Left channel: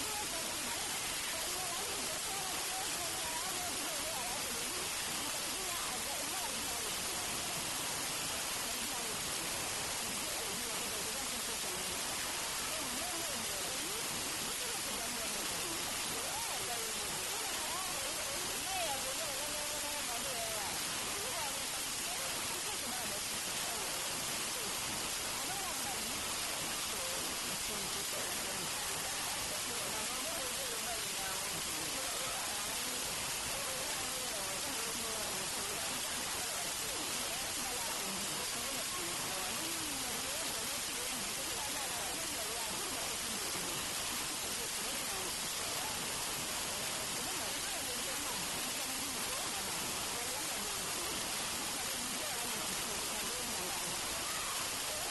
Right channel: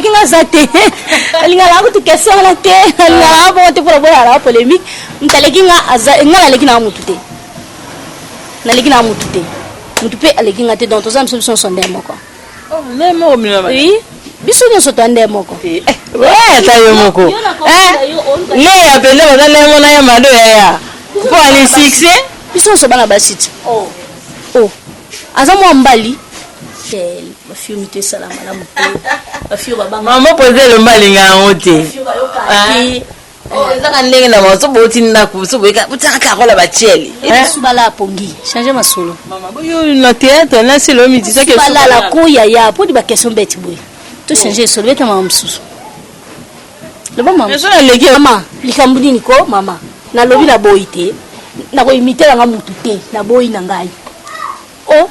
qui n'a zaté. Elle n'a pas de question à la tête. Elle n'a pas de problème à la polémique. Elle n'a pas de moutoute. Elle n'a pas de moutoute. Moutoute, elle n'a pas de dans tous les hommes sont des mots. Oh, les mots, oui. Biso nyoso tande moko. Ouais, tayo moko. Ne appelle ba na mona ya mado ya. Pour aller succès. Biso so bana basiti. Oh. Azamu mbali. Ba fiumite salama la moko. Ba fiu baba. Maman poser le mbali nga ngote. Oh, ezaka ndenge na maso boti ndako so boyeka butaka kola ba cheli. Subala pongi. Changer masolo. Maman boyo na théâtre na c'est le midi ça que subala la koya ya pour di ba question beti boy. To changer solo beta mama msusu. Loba mama. Eso na leki mama, likambudi niko mama. Na lobi na boite. Na ko imiter nga mutu te, na boy na ngai. Oh,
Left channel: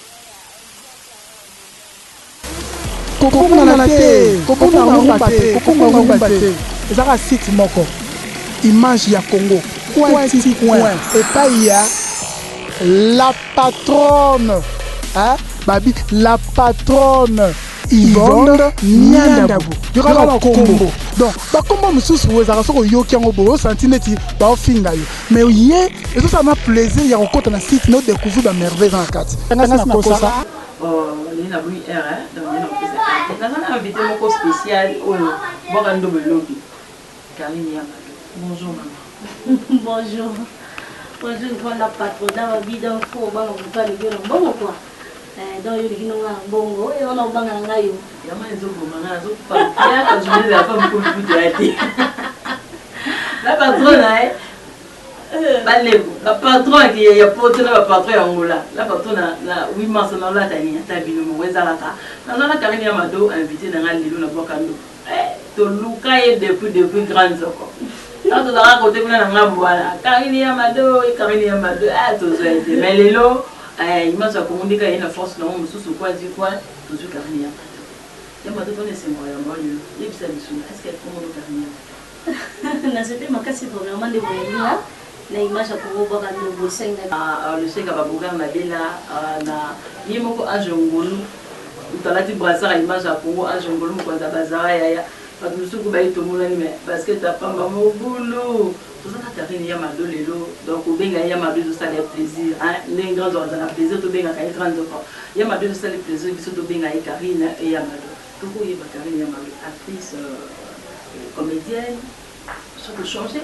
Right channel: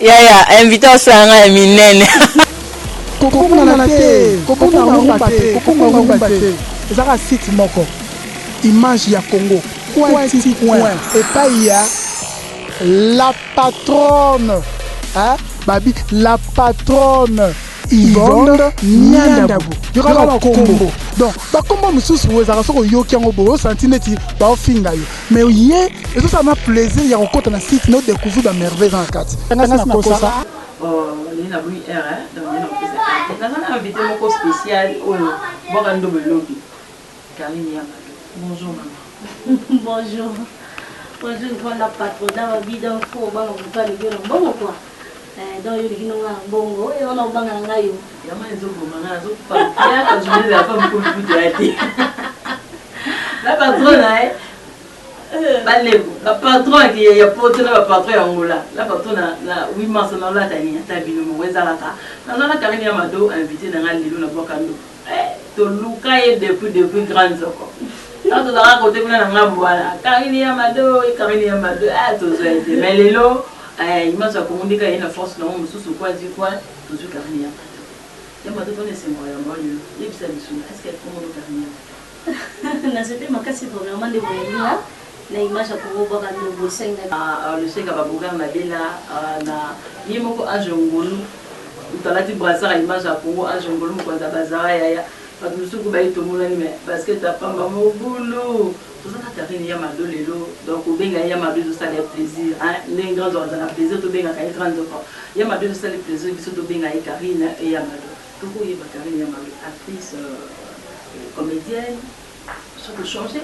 ya invité osanga minene. Kokona na te, kokona ngomba te. Ezaka site moko. Image ya Congo. Point. Et pas il y a la patronne. Hein? Babi, la patronne. Yvonne Niandabu. Il y aura un combo. Donc, le combo, monsieur, vous avez un yo qui a un centimètre, mais hier, et ça m'a plaisir, il y a un côté dans le site, nous découvrons la merveille dans la carte. Oh, il y a une donc il y a un invité spécial au Borando Lobby. Karine bonjour maman. Bonjour. Bonjour, la patronne, la vie d'un faux, bon, quoi. Donc il y a un bongo et on a un bangayo. Il y a un journée de la femme pour la patronne, la patronne qui est portée la patronne Angola. La patronne a 8 mars dans la taille, Tabino, Wezalaka. Dans la Karine Amado, invité dans la Lilo, la Bocando. To Luka est depuis grande soko. Quand on a raconté que voilà, Karine Amado et Karine Amado, tous mais les lots. Il m'a dit qu'il y a une force dans le sous quoi dire quoi toujours Karine il m'a donné c'est moi il est-ce qu'elle commande Karine c'était ma casse premièrement de voyage na image à Congo baka no bosenga le chèque va bouger na bela na yimoko ajongolu utalati brassard image à Congo ajongolu kwa za bazara ya parce que suku ba itomola ni parce que ta pamba mo boulot tout ça Karine ya mado lelo donc obenga ya mado ça le plaisir hein les grands ordres la plaisir to benga ka grand enfant ya mado ça le plaisir biso to benga ya Karine et ya mado to ko yeba Karine ya mado actrice comédienne ça peut changer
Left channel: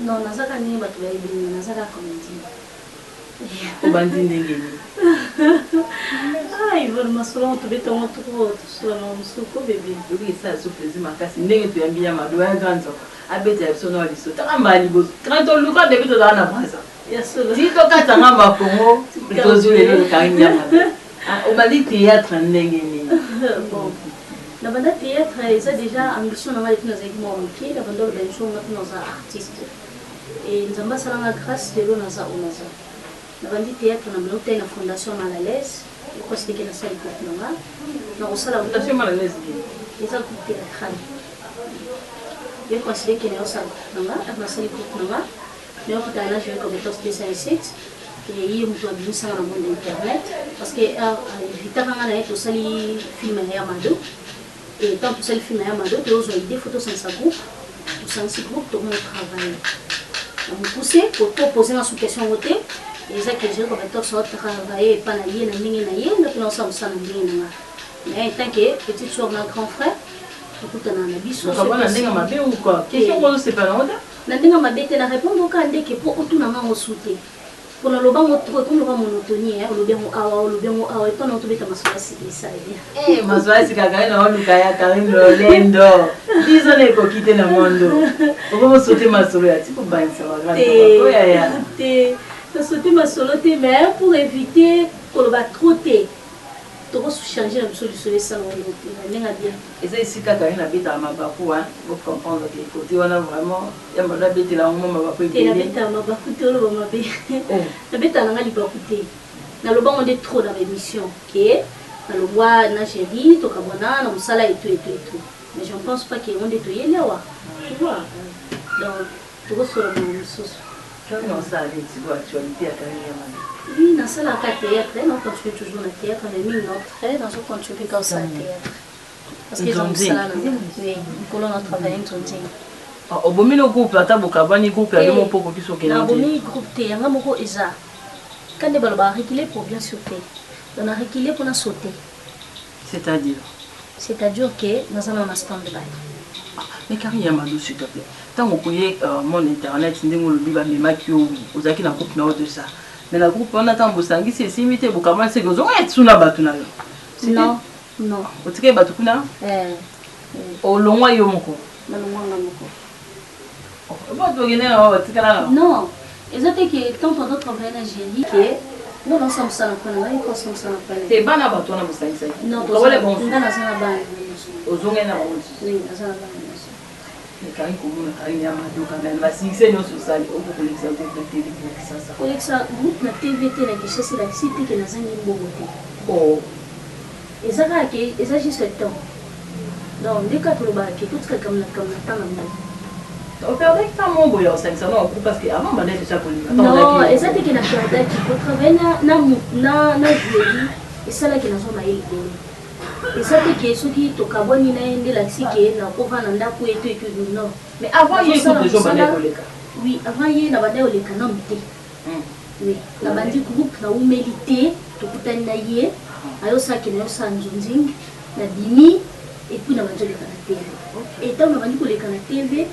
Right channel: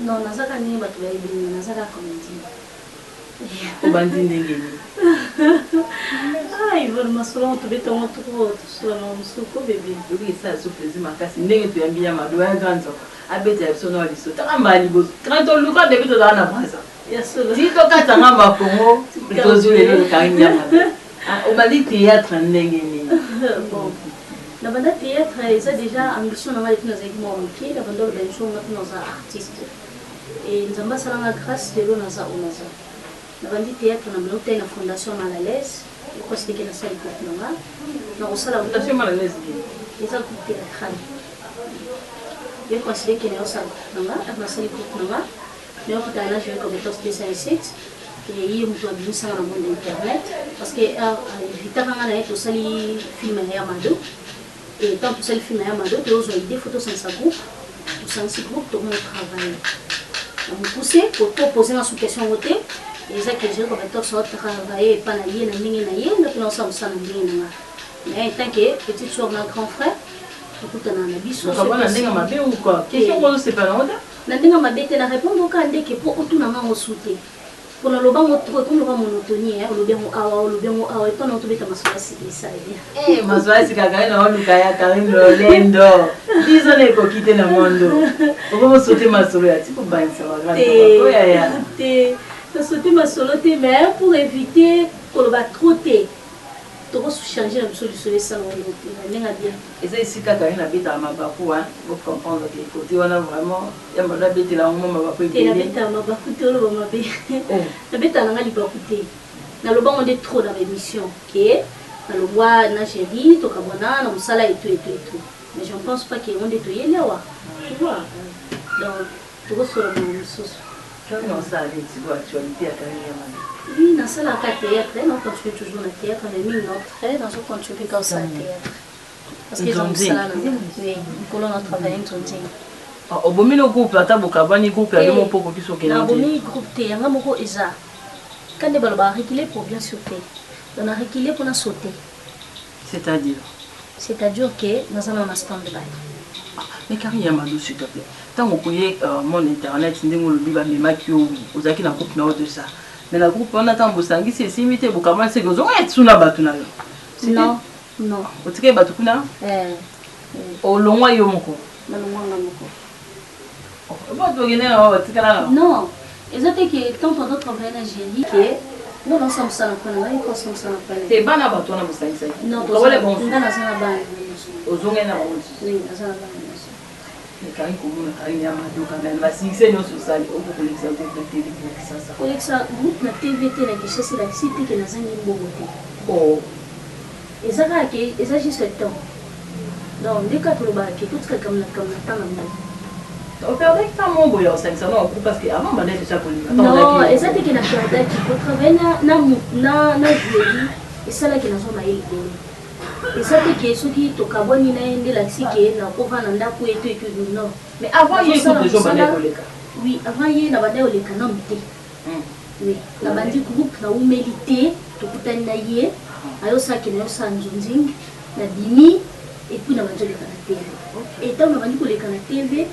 non nazaka ni batu ba ibini nazaka comédienne obandi ndengeni ai vona masolo to beto mo to solo musuko bébé oui ça so plaisir makasi ndenge to yambi ya mado ya grand enfant abeta bisono aliso takamba liboso quand on luka de bito na brasa ya solo si to katanga makongo to zule Karine ya mado obali théâtre ndenge ni bon na banda théâtre ça déjà ambition na mali tuna zaiki mo mki na banda ba show na tuna za artiste et nzamba salanga grâce de lo na za onaza na bandi théâtre na bloc na fondation Malalaise ko sike na sali ko na osala fondation Malalaise eza ko théâtre je considère qu'il y a un salle dans salle pour nous mais au final je vais comme étant spécialisé et il y a un ça dans le monde internet parce que vite avant on a été au salle film à Yamado et tant que salle film à Yamado tu as des photos sans sa groupe ou sans ce groupe tout le monde travaille on poussé pour proposer une sous-question côté et ça que je comme étant ça travailler pas na yé na mingi na yé na ça ça na mingi na mais tant que petite soeur na grand frère na biso na ndenge mabe ou quoi question ko c'est pas longa na ndenge mabe te na répondre ka ndeke po otuna nga souté pour le lobango trop comme le monotonie hein le bien awa et ton to beta maswa si ça bien maswa si kaka na luka ya Karine Lolendo disone ko kite na mondo ko mo sauter masolo ya tipo banisa wa grande ko ya te sauter masolo te mais pour éviter ko ba trotter tu vas changer la solution de ça et ça ici quand Karine habite à Mabakou hein vous comprendre que côté on a vraiment il y a mal habité là au moment Mabakou il habite à Mabakou te le Mabé habite à Ngali Bakoute na le banc on est trop dans l'émission qui na le bois na chéri to kabona na musala et tout mais je ne pense pas qu'on est toyé là tu vois donc tu vas sur le sauce comment ça allait tu vois actualité à Karine oui, dans la théâtre, on continue toujours le théâtre, mais nous, notre dans ce continue comme ça, théâtre. parce que ont ça oui colon a travaillé nzonzi au bomi le groupe ata bokabani groupe ya mo poko kiso ke na bomi groupe te yanga moko eza quand de baloba reculer pour bien sauter on a reculé pour la sauter c'est-à-dire que nous avons un stand by mais carrément Amadou s'il te plaît tant qu'on connaît mon internet ndingo le biba memakio ozaki na groupe na de ça mais la groupe on attend bosangi c'est simité bokabani c'est que zo etsuna batu na yo non non otike batu kuna olongwa yo moko non exactement que tant pendant travailler en Algérie que nous on sommes ça na là ils sont ça na te bana batu na bosangi ça non wale bon ndana sana bana ozonga na bonzi oui azana bana mais quand il commence à aller à Amadou quand même la succès non social au pour l'exemple de TV ça pour ça groupe na TVT na que c'est la cité que nazangi mbogote oh ezaka ke eza juste le temps donc dès que tu le bas que tout ce comme na temps na on perdait que ta mon boyo 500 non parce que avant on déjà pour non ezate que na perdait qui pour travailler na jury et ça là que na zona ile ezate que ce qui to kaboni na ende la sike na ko vana ndako eto et que non mais avant il y a des gens bana koleka oui avant il na bana oleka na mté oui na bandi groupe na humilité to kutani na ye ayo saki na yo sanzunzing na bimi et puis na bandi oleka na TV et tant na bandi koleka na TV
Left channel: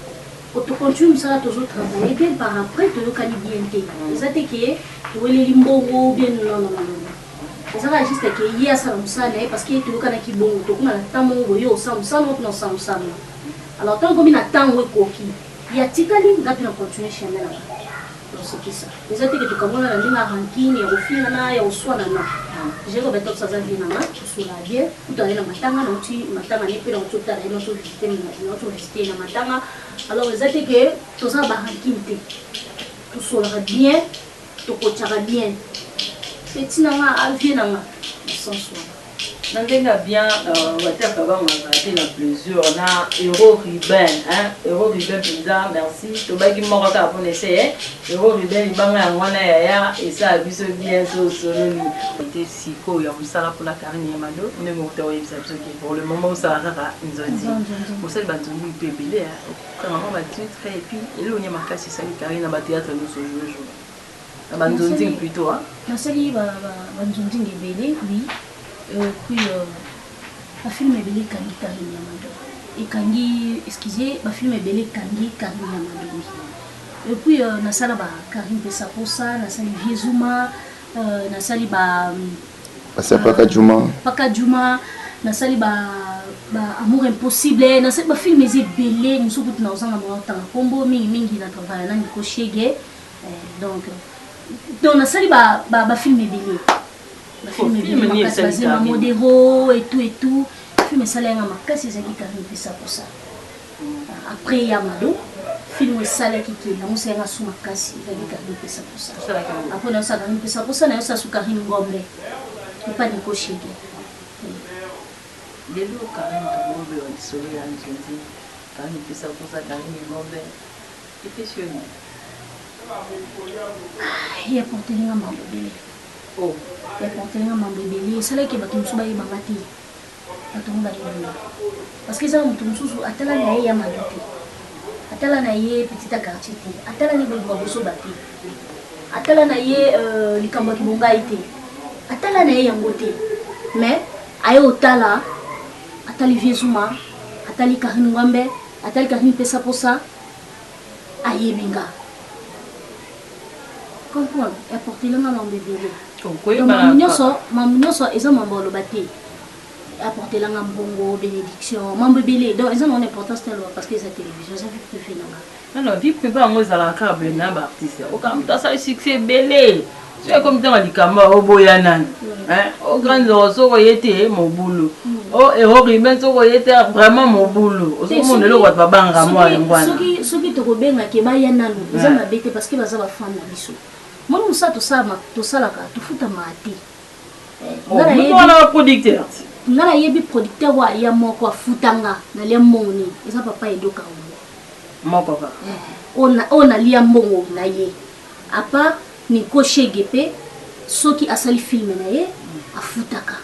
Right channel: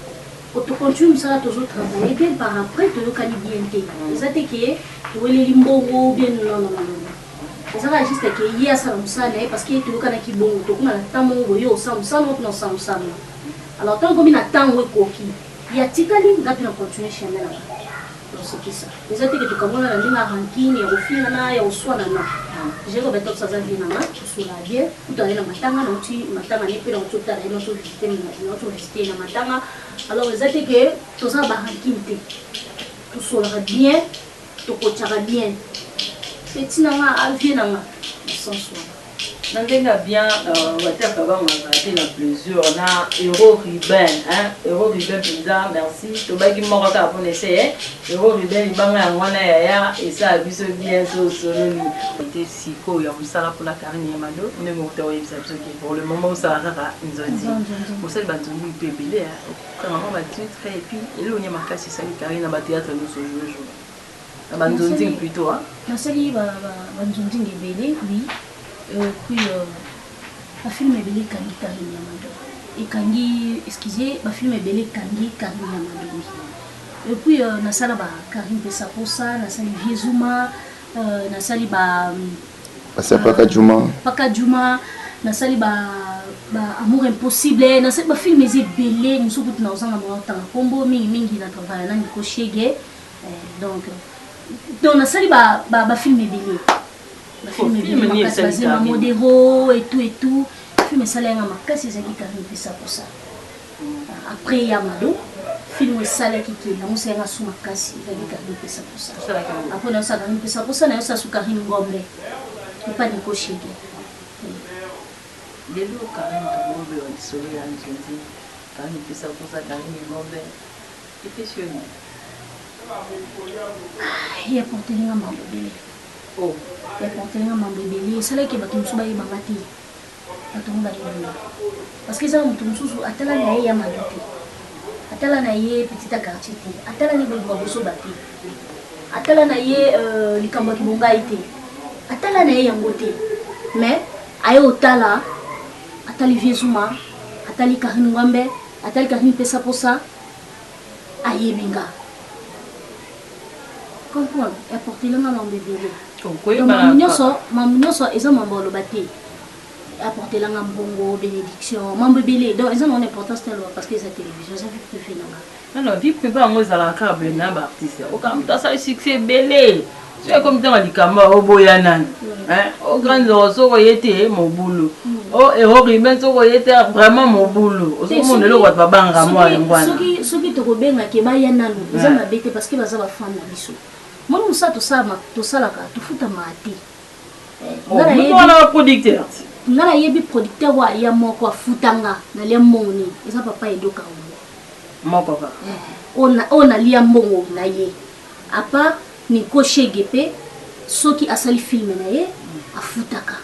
tu continues ça toujours travailler bien par après tu le cali bien té ezate que tu les limbo bien non ça va juste que hier ça nous ça parce que tu le kana ki bon to kuna tamo yo sam alors tant comme na temps we koki ya tikali ngapi na continuer chemin là donc c'est qui ça ezate que tu kamona na ndinga ranking ya ofina na ya uswana na je ko beto ça za vina na sur la bien tu aller na matanga na tu matanga ni pe na tu ta na tu système na tu système na matanga alors ezate que to ça ba ranking te tu sera bien tu coachera bien c'est nanga avier nanga sans soi nandenga bien water kaba ngati na plusieurs na Euro Ruben hein Euro Ruben pizza merci to bagi moko ka pour essayer Euro Ruben banga ngwana ya et ça biso bien so soloni était siko ya musala pour la carine Amadou ne mo to yebisa biso ki pour le moment ça rara nzodi mo sel banzoni pebele quand maman va titre et puis elo nya makasi ça li carine ba théâtre nous so jour banzoni plutôt hein na sali ba banzoni ngebele oui puis la film est belle kangi Karine Amadou et kangi excusez la film est belle kangi Karine Amadou et puis na sala ba Karine Pesaposa na sali Viezuma na sali ba Paka Juma na sali ba Amour impossible na sali ba film est belle nous sommes tous na osanga mo tanga kombo mingi na travail na ko shege donc na sali ba film est belle le film est basé sur Modero et tout. Le film est salé à Makassi, c'est qui Karine Pesaposa. Après Yamado, le film est salé qui est là, on s'est rassuré Makassi, c'est qui Karine Pesaposa. Après on a ça Karine Pesaposa, on a ça sur Karine Gombe. Et pas Nico Chege. Les lots Karine Gombe ont dissolé à Nzonzi. Karine Pesaposa, Karine Gombe. Et puis il y a porté les mamans bébé. Oh. Il y a porté les mamans bébé. C'est là que batum suba y babati. Batum bari bébé. Parce que ça mutum susu atala na ye ya madati. Atala na ye petite quartier. Atala ni bebo boso bati. Atala na ye likambo kibonga ite. Atala na ye yangote. Mais ayo otala atali Viezuma, atali Karine Gombe, atali Karine Pesaposa ayebinga. Comprendre et porter le nom de bébé. Donc nyonso eza mambo lobati. Apporter la ngambongo bénédiction, mambo belé. Donc ils ont une importance tellement parce que c'est télévision, ça fait préféré nanga. Non, vie privée on za la câble na ba artiste. O kam ta ça succès belé. C'est comme dans likamba oboyanan. Hein? Au grand zo ko yete mon boulot. Oh et au rimen zo ko yete vraiment mon boulot. O so monde le wa ba banga moi ngwana. Soki to ko benga ke ba yananu, ils ont bête parce que baza ba femme na biso. Moi nous ça to ça la ka to futa mati. On producteur. Ngala yebi producteur wa ya moko futanga na le moni. Eza papa edoka wo. Mon papa. On a lia mbongo na ye. Apa ni ko shegepe soki asali film na ye afutaka.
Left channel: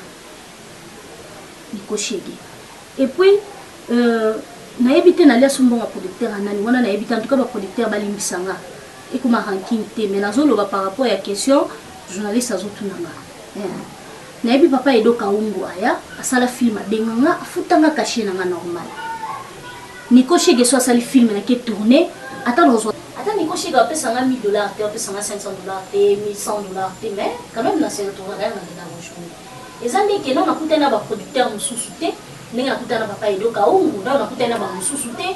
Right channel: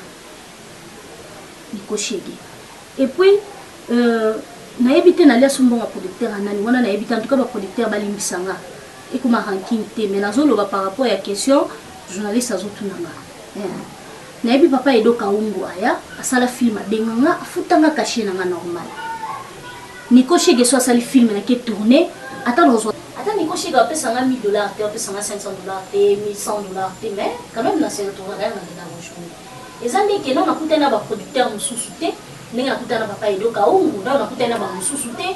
Ni ko shege. et puis nayebi te nalia sombonga producteur anani wana nayebi te en tout cas ba producteur balimbisanga ekoma ranking te mais nazoloba par rapport à question journaliste azotunanga nayebi papa Edo Kaungu aya asala film abenganga afutanga caché nanga normal Nico Chege so asali film na ke tourner ata Nico Chege apesanga $1000 te apesanga $500 te $1100 te mais quand même na c'est tourner na bonjour ezandi ke non nakutana ba producteur mususu te ndenge nakutana papa Edo Kaungu ndo nakutana ba mususu te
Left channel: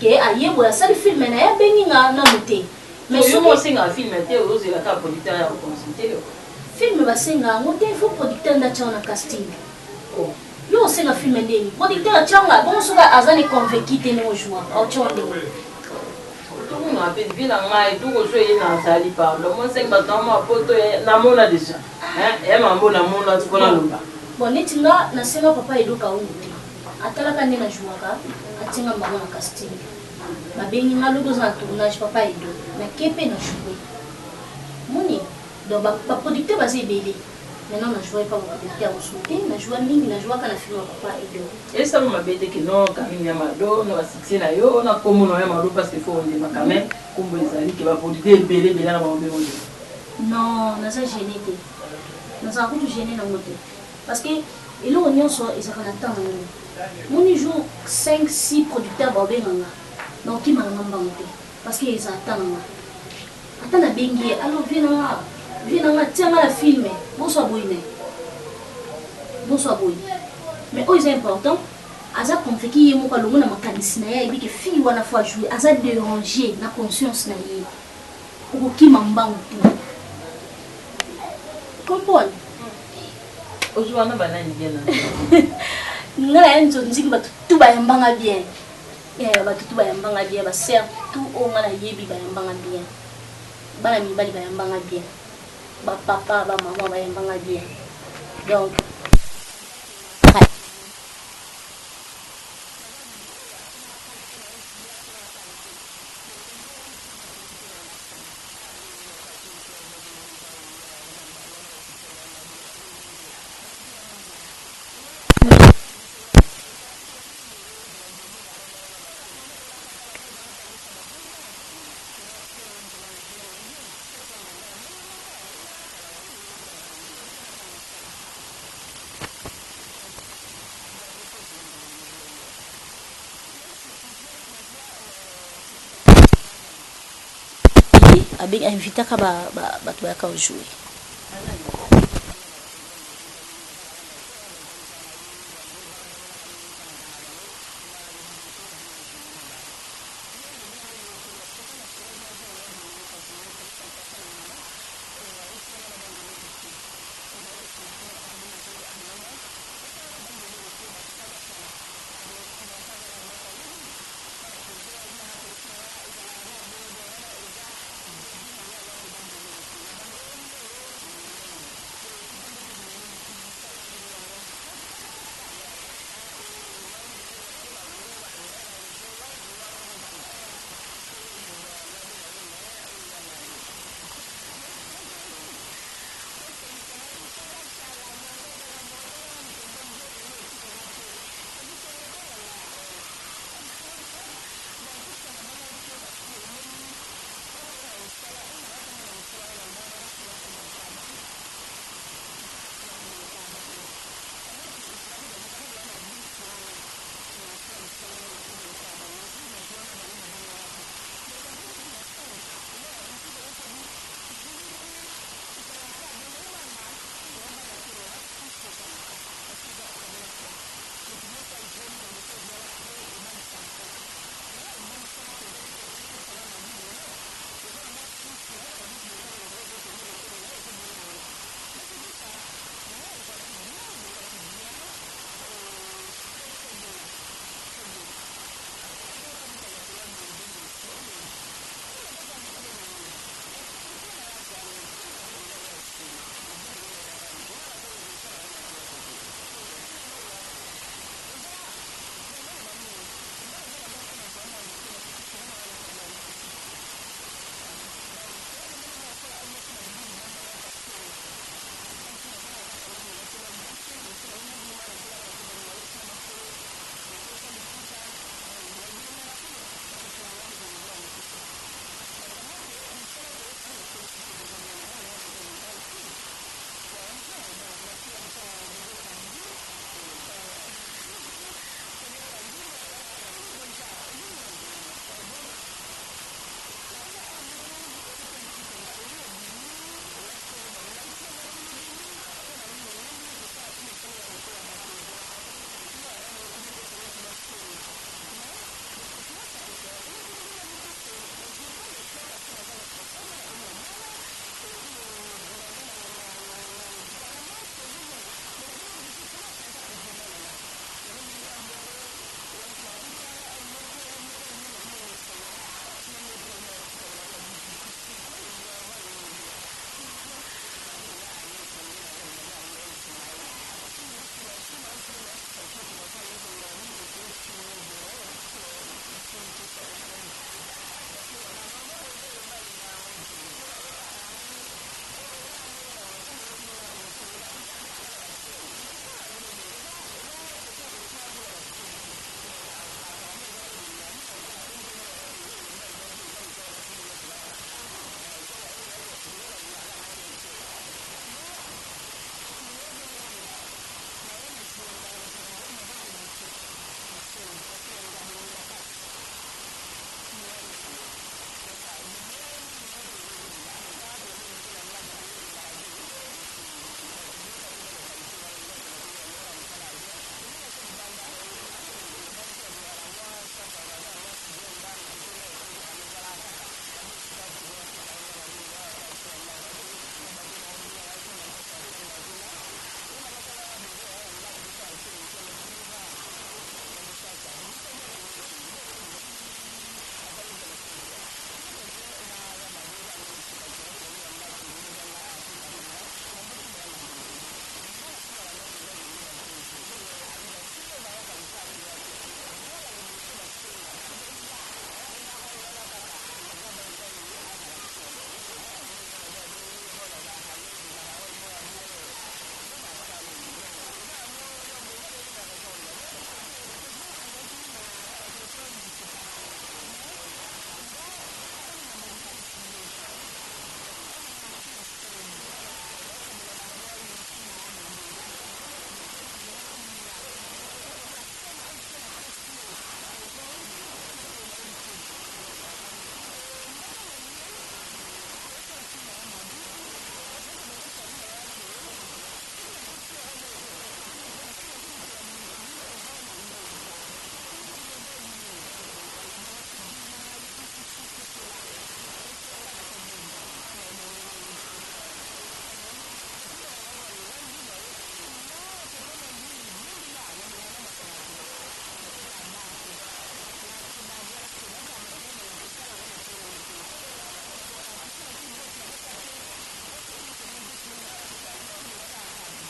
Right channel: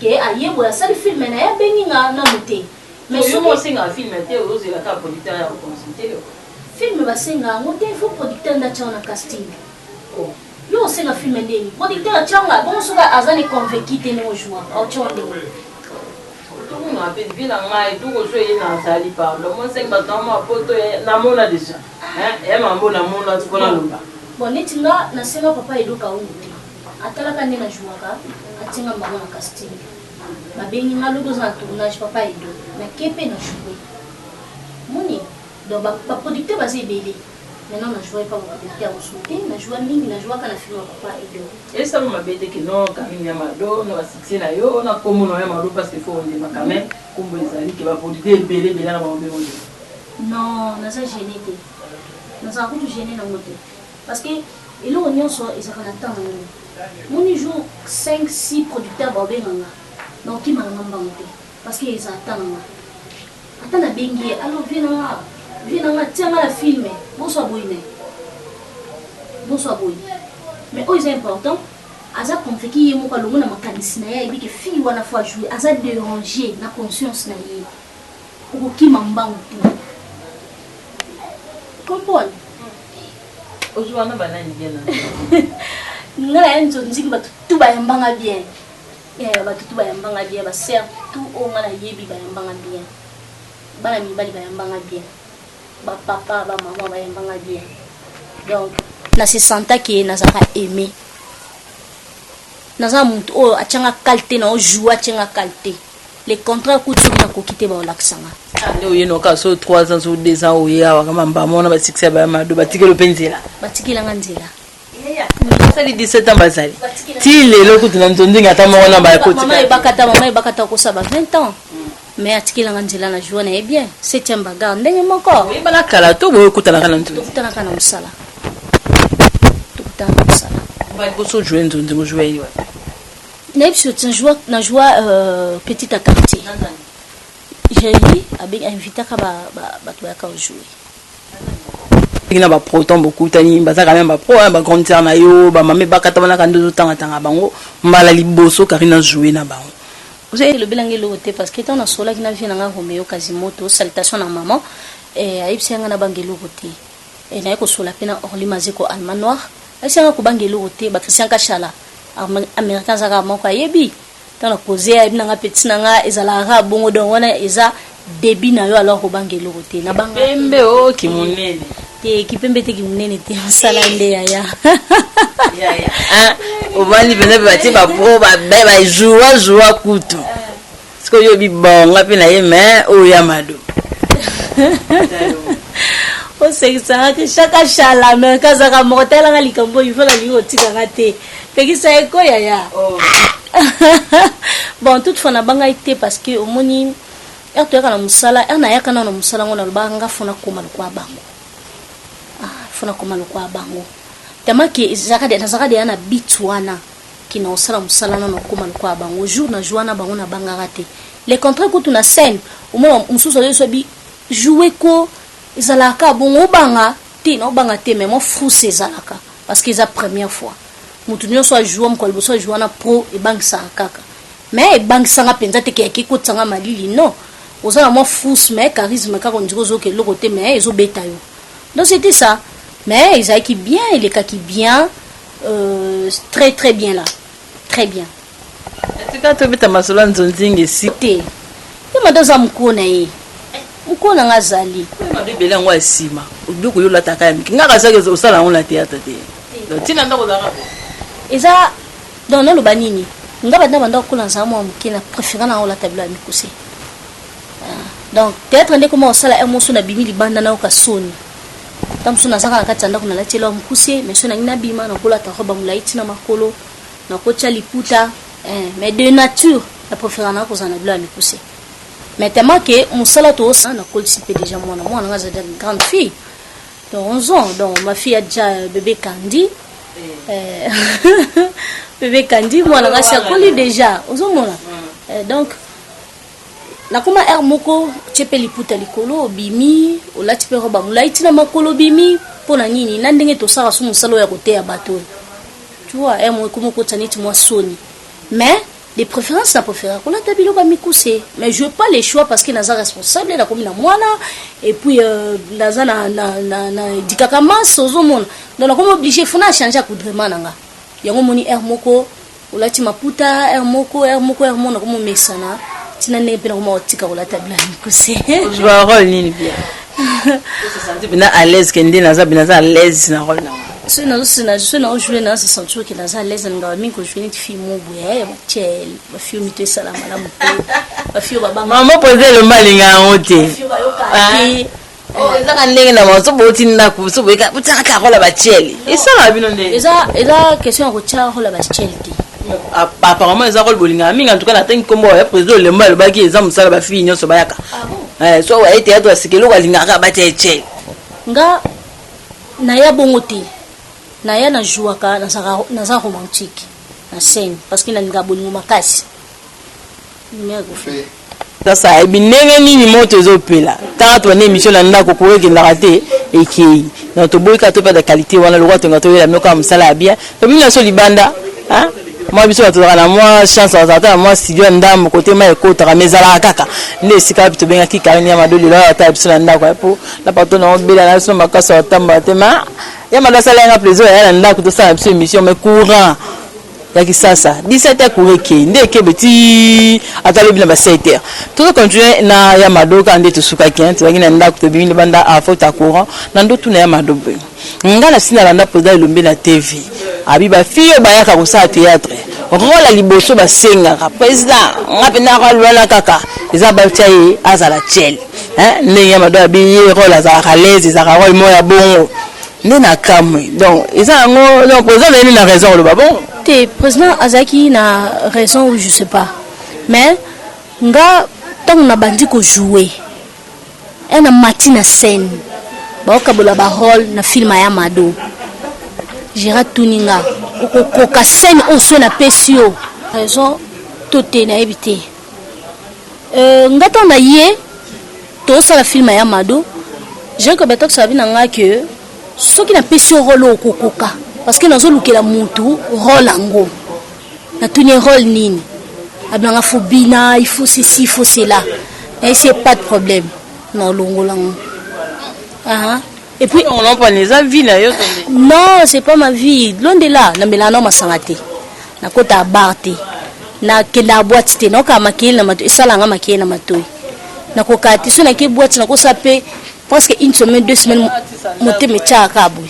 ke ayebo asali film na ya benginga na muté mais so mo singa film te ozela ka producteur ya consulter film basenga ngote il faut producteur ndacha na casting yo senga film ndeni producteur changa bon soka azani convaincu te no joie au chonde tout le monde a fait bien ngai tout ko so yena sali parlo mo senga tama poto na mona déjà hein mambo na mona tukona lumba bon netinga na senga papa Edo Kaungu atala ka ndena jouaka atinga mbango na casting babengi ngalogo za tournage papa Edo na kepe na jouer moni donc ba producteur basé belé maintenant na jouer pas ba producteur sauté na jouer mingi na jouer kana film papa Edo et ça m'a bête que non Karine Yamado no succès na yo na comme no Yamado parce qu'il faut on dit quand même comme les que ba producteur belé na ba mbé non na ça gêné té na ça ko gêné na moté parce que il on y so ils ont attend moni jour 5 6 producteurs ba benganga donc qui m'a ngambangté parce que ils attendent attends na bengi alors viens tiens la filmer bonsoir boy mais c'est important aza confié yemo ka longo na makanisi na ya ibike fille wana fois jouer aza déranger na conscience na ye okoki mambangu te comprendre ojuana banani bien ngala enzo nziki batu bayambanga bien batu bayambanga bien ba surtout ngala yebi bayambanga bien bana mibali bayambanga bien ba papa ba maman bayambanga bien donc na se senta que nazaka aimer naza muntu o achanga qualité na o joua achanga qualité les contrats kutu na kokite ba olaksanga ande oyeno ka so 3 ans ou 2 ans oya wakama mbamona ba succès ba mado batikelo penzela batikela nganzela sali 17 ans basali ti lelo kutu na nzondinga ata mona ba koti mama ebakata ko saba 20 ans mais atikela nganzela na joua na e bien 7e bagarre ndenge moko bana kala to boye kutana kana ntu kutana kana musala ba boso jouer ntu ngo jouer yo na joie petite à quartier j'ai dit avec invité ka ba to ka jouer ina ba proton beaucoup tani baza quand même ba pro ba concert na yo ba mame ba katabana ka ndozo tanga bango mbala liboso karina jouer na bango vous avez le bilangue le côté parce que tant na sola qui na vie na Romeo Quasimoto salutation na maman et aipsenga na bangelo côté et na ko sola pena orli maziko alma noir aipsenga ko bangelo côté ba Christian Kachala américain zaka moko yebi tana poser ayebi nanga petit nanga ezala ra bongo don wana eza débit na yo alors ko bangelo côté na banga pembe o kimunene te kipembe te kimunene te sala nde ya obani pena bati ba pro ba joua kutu siko yo bi bonga pena ye mais o ya mado o sekisa ke chaka chala mais kazaka mortel nga likambo il faut la ligo tika ngate peki sa eko ya bon toutefois na banga été parce que au moni erto kana musala na yaka na musala ngona banga fona koma kwa bango fona koma kwa bango tamaki zakade na bitwana kina osala musala na koma kwa bango jour na joana bango na banga raté les contrats ko tuna scène au moins mususu so bi jouer ko ezalaka bongo banga te mais mo fou ezalaka parce que c'est la première fois mutu nyonso ajouer mokolo boso ajouer na pro e bank sa kaka mais e bank sanga penza te ke ki ko tsanga malili non ozana mo fou mais charisme ka konjiko zo ke le côté mais ezo beta yo donc c'était ça mais ils qui bien il est qui bien très très bien là très bien tika to beta masolo nzonzingi site te madoza mkona ye mkona ngazali madu bela ngwa sima udoko yo lataka ya miki ngaka sake osala on la théâtre te donc tina ndako zaka eza donc no banini ngaba ndaba ko lanza mo mkina préférant na la table mi kusi donc théâtre ndeko mo osala emotion na bimi libanda na okasoni tamsuna saka na katanda kuna la telo mkusi mais sona ina bima na kola ta roba mulaiti na makolo na kocha liputa mais de nature la préférence na kozana bla mikuse mais tellement que musala to na kolisipe déjà moi nga za une grande fille de 11 ans donc ma fille a déjà bébé Candy bébé Candy moi nga sa koli déjà ozomona donc na kuma moko chepe liputa likolo bimi olati pe roba mulaiti na makolo bimi pona nini na ndenge to sala su musalo ya kote ya bato tu vois moko moko tsaniti moi soni mais de préférence na préférence on a tabilo ba mikuse mais je veux pas les choix parce que naza responsable na komi na mwana et puis naza na dikakama sozo mona donc na komi obligé fona changer coudrement nanga yango moni moko olati maputa moko na komi mesana tina ne pena komi otika olata bila mikuse je vois rôle nini bien se sentir bien à l'aise kende naza à l'aise na rôle na je suis dans jouer dans ce sentir que naza à l'aise nga mingi ko jouer ni fille mobo ya chel ba fille mité salama la moto ba fille baba maman poser le malinga ngote eza ndenge na maso boti ndako so boka botaka ka rola ba chel esa la bino ndenge eza question ko tia rola ba chel apparemment eza rôle bolinga mingi en tout cas na tangi kombo ya président le mbalo baki eza musala ba fille nyoso bayaka so wa ete ato asikelo balinga ba tia chel nga na ya bongote na ya na jouaka na za romantique na scène parce que na nga bolingo makasi sasa ebinenge nini moto ezopela tanga to na émission na ndako ko ekendaka te ekei na to boyika to pa de qualité wana lokwa to ngato yela myoka musala ya bien to bina so libanda moi biso batozaka na moi chance azata moi studio ndambo côté ma ekota mezala kaka ne sika bito benga ki karine ya madoli la ata biso na ndako po la pato na obela na so makasa otamba tema ya madasa la nga plaisir ya ndako to sa biso émission mais courant ya kisasa 17h kureke ndeke beti atalo bila ba 7h to continuer na ya madoka ande to suka kente ngina ndako to bimile banda a faute courant na ndo tuna ya madobe ngala sina landa poza ilombe na TV abiba fiyo bayaka ko sa théâtre rola liboso ba senga président ngapena ko lwana kaka eza ba tsaye azala chel ndenge ya madoka bi rola za khalezi za roi moya bongo ndena kamwe donc eza ngo non président ni na raison le babon te président azaki na raison ou je sais pas mais nga tant na bandi ko jouer na matina scène ba okabola ba rôle na film ya Mado Gérard Tuninga ko scène on so na pesio raison toté na éviter nga tant na yé to ça la film ya Mado j'ai que betok ça vina nga que ce qui na pesio rôle kokoka parce que nazo lukela mutu rôle ango na tuni rôle nini abanga fobina il faut ceci il faut cela et c'est pas de problème non longolango et puis on en prend les avis là yo non c'est pas ma vie loin de là na melano masangate na kota barte na kenda boîte te no ka makile na mato esalanga makile na matoi na kokati so na ke boîte na ko sape presque une semaine 2 semaines moté me tchaka boui.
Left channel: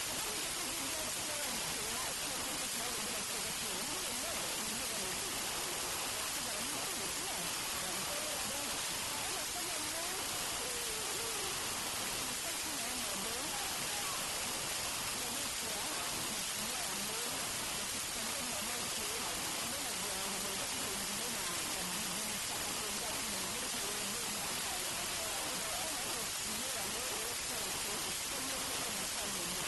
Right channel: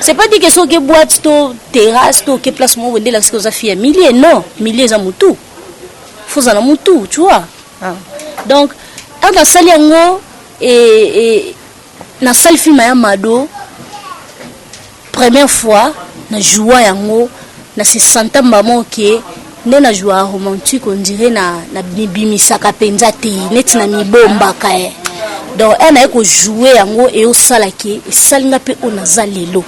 C'est pas dit que ce que boîte to terrasse to que place moi vendre la ce que ça fait milliers non milliers za mutu faut za mutu tu vois donc dans salle yango et na salle film ya Mado première fois na joie yango na se senta maman que ne na joie romantique on dirait na bimisaka penza te net na mibomba kae donc elle a joué yango et au salaki et salinga pe onaza lelo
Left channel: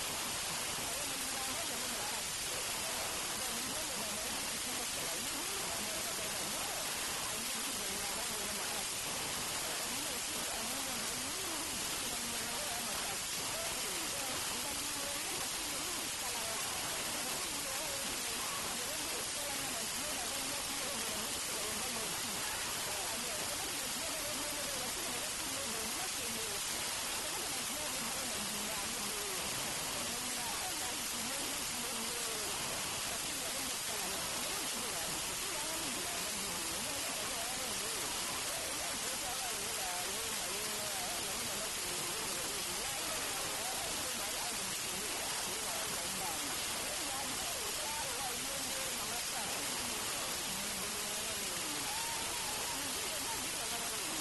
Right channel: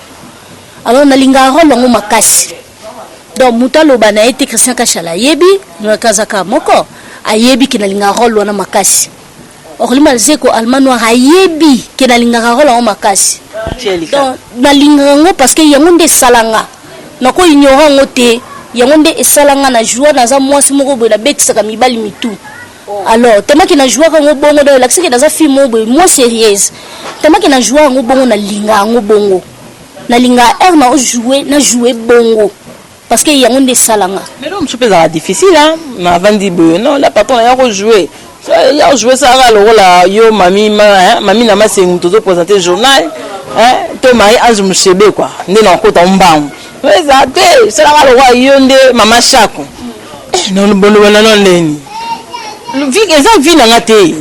alors na linga rôle yango makasi donc mutalo bana été Christian Kashala yebi na kazaka moko ayebi kina linga rôle wana makasi orlima zeko almano ayebi kina linga rôle yango makasi donc na linga yango parce que yango nde salanga nako ignorant ngote yango nde esalanga na joie na za mwasi moko bola betisaka mibali mitu. Alors tellement qu'il a joué avec un bongo dans l'accès que dans un film moins sérieuse tellement qu'il a joué avec un bongo na linga bongo na linga na joué bongo parce que y a un des salanga mais non je peux ça difficile mais avant dit non la patron a rejoué ça le rôle yo mami na ma c'est tout présenter journal to mai anzu mshebe quoi ndé na kota mbangu mais ça c'est la le roi yo ndé mama chako non bono non ndeni vie na ngate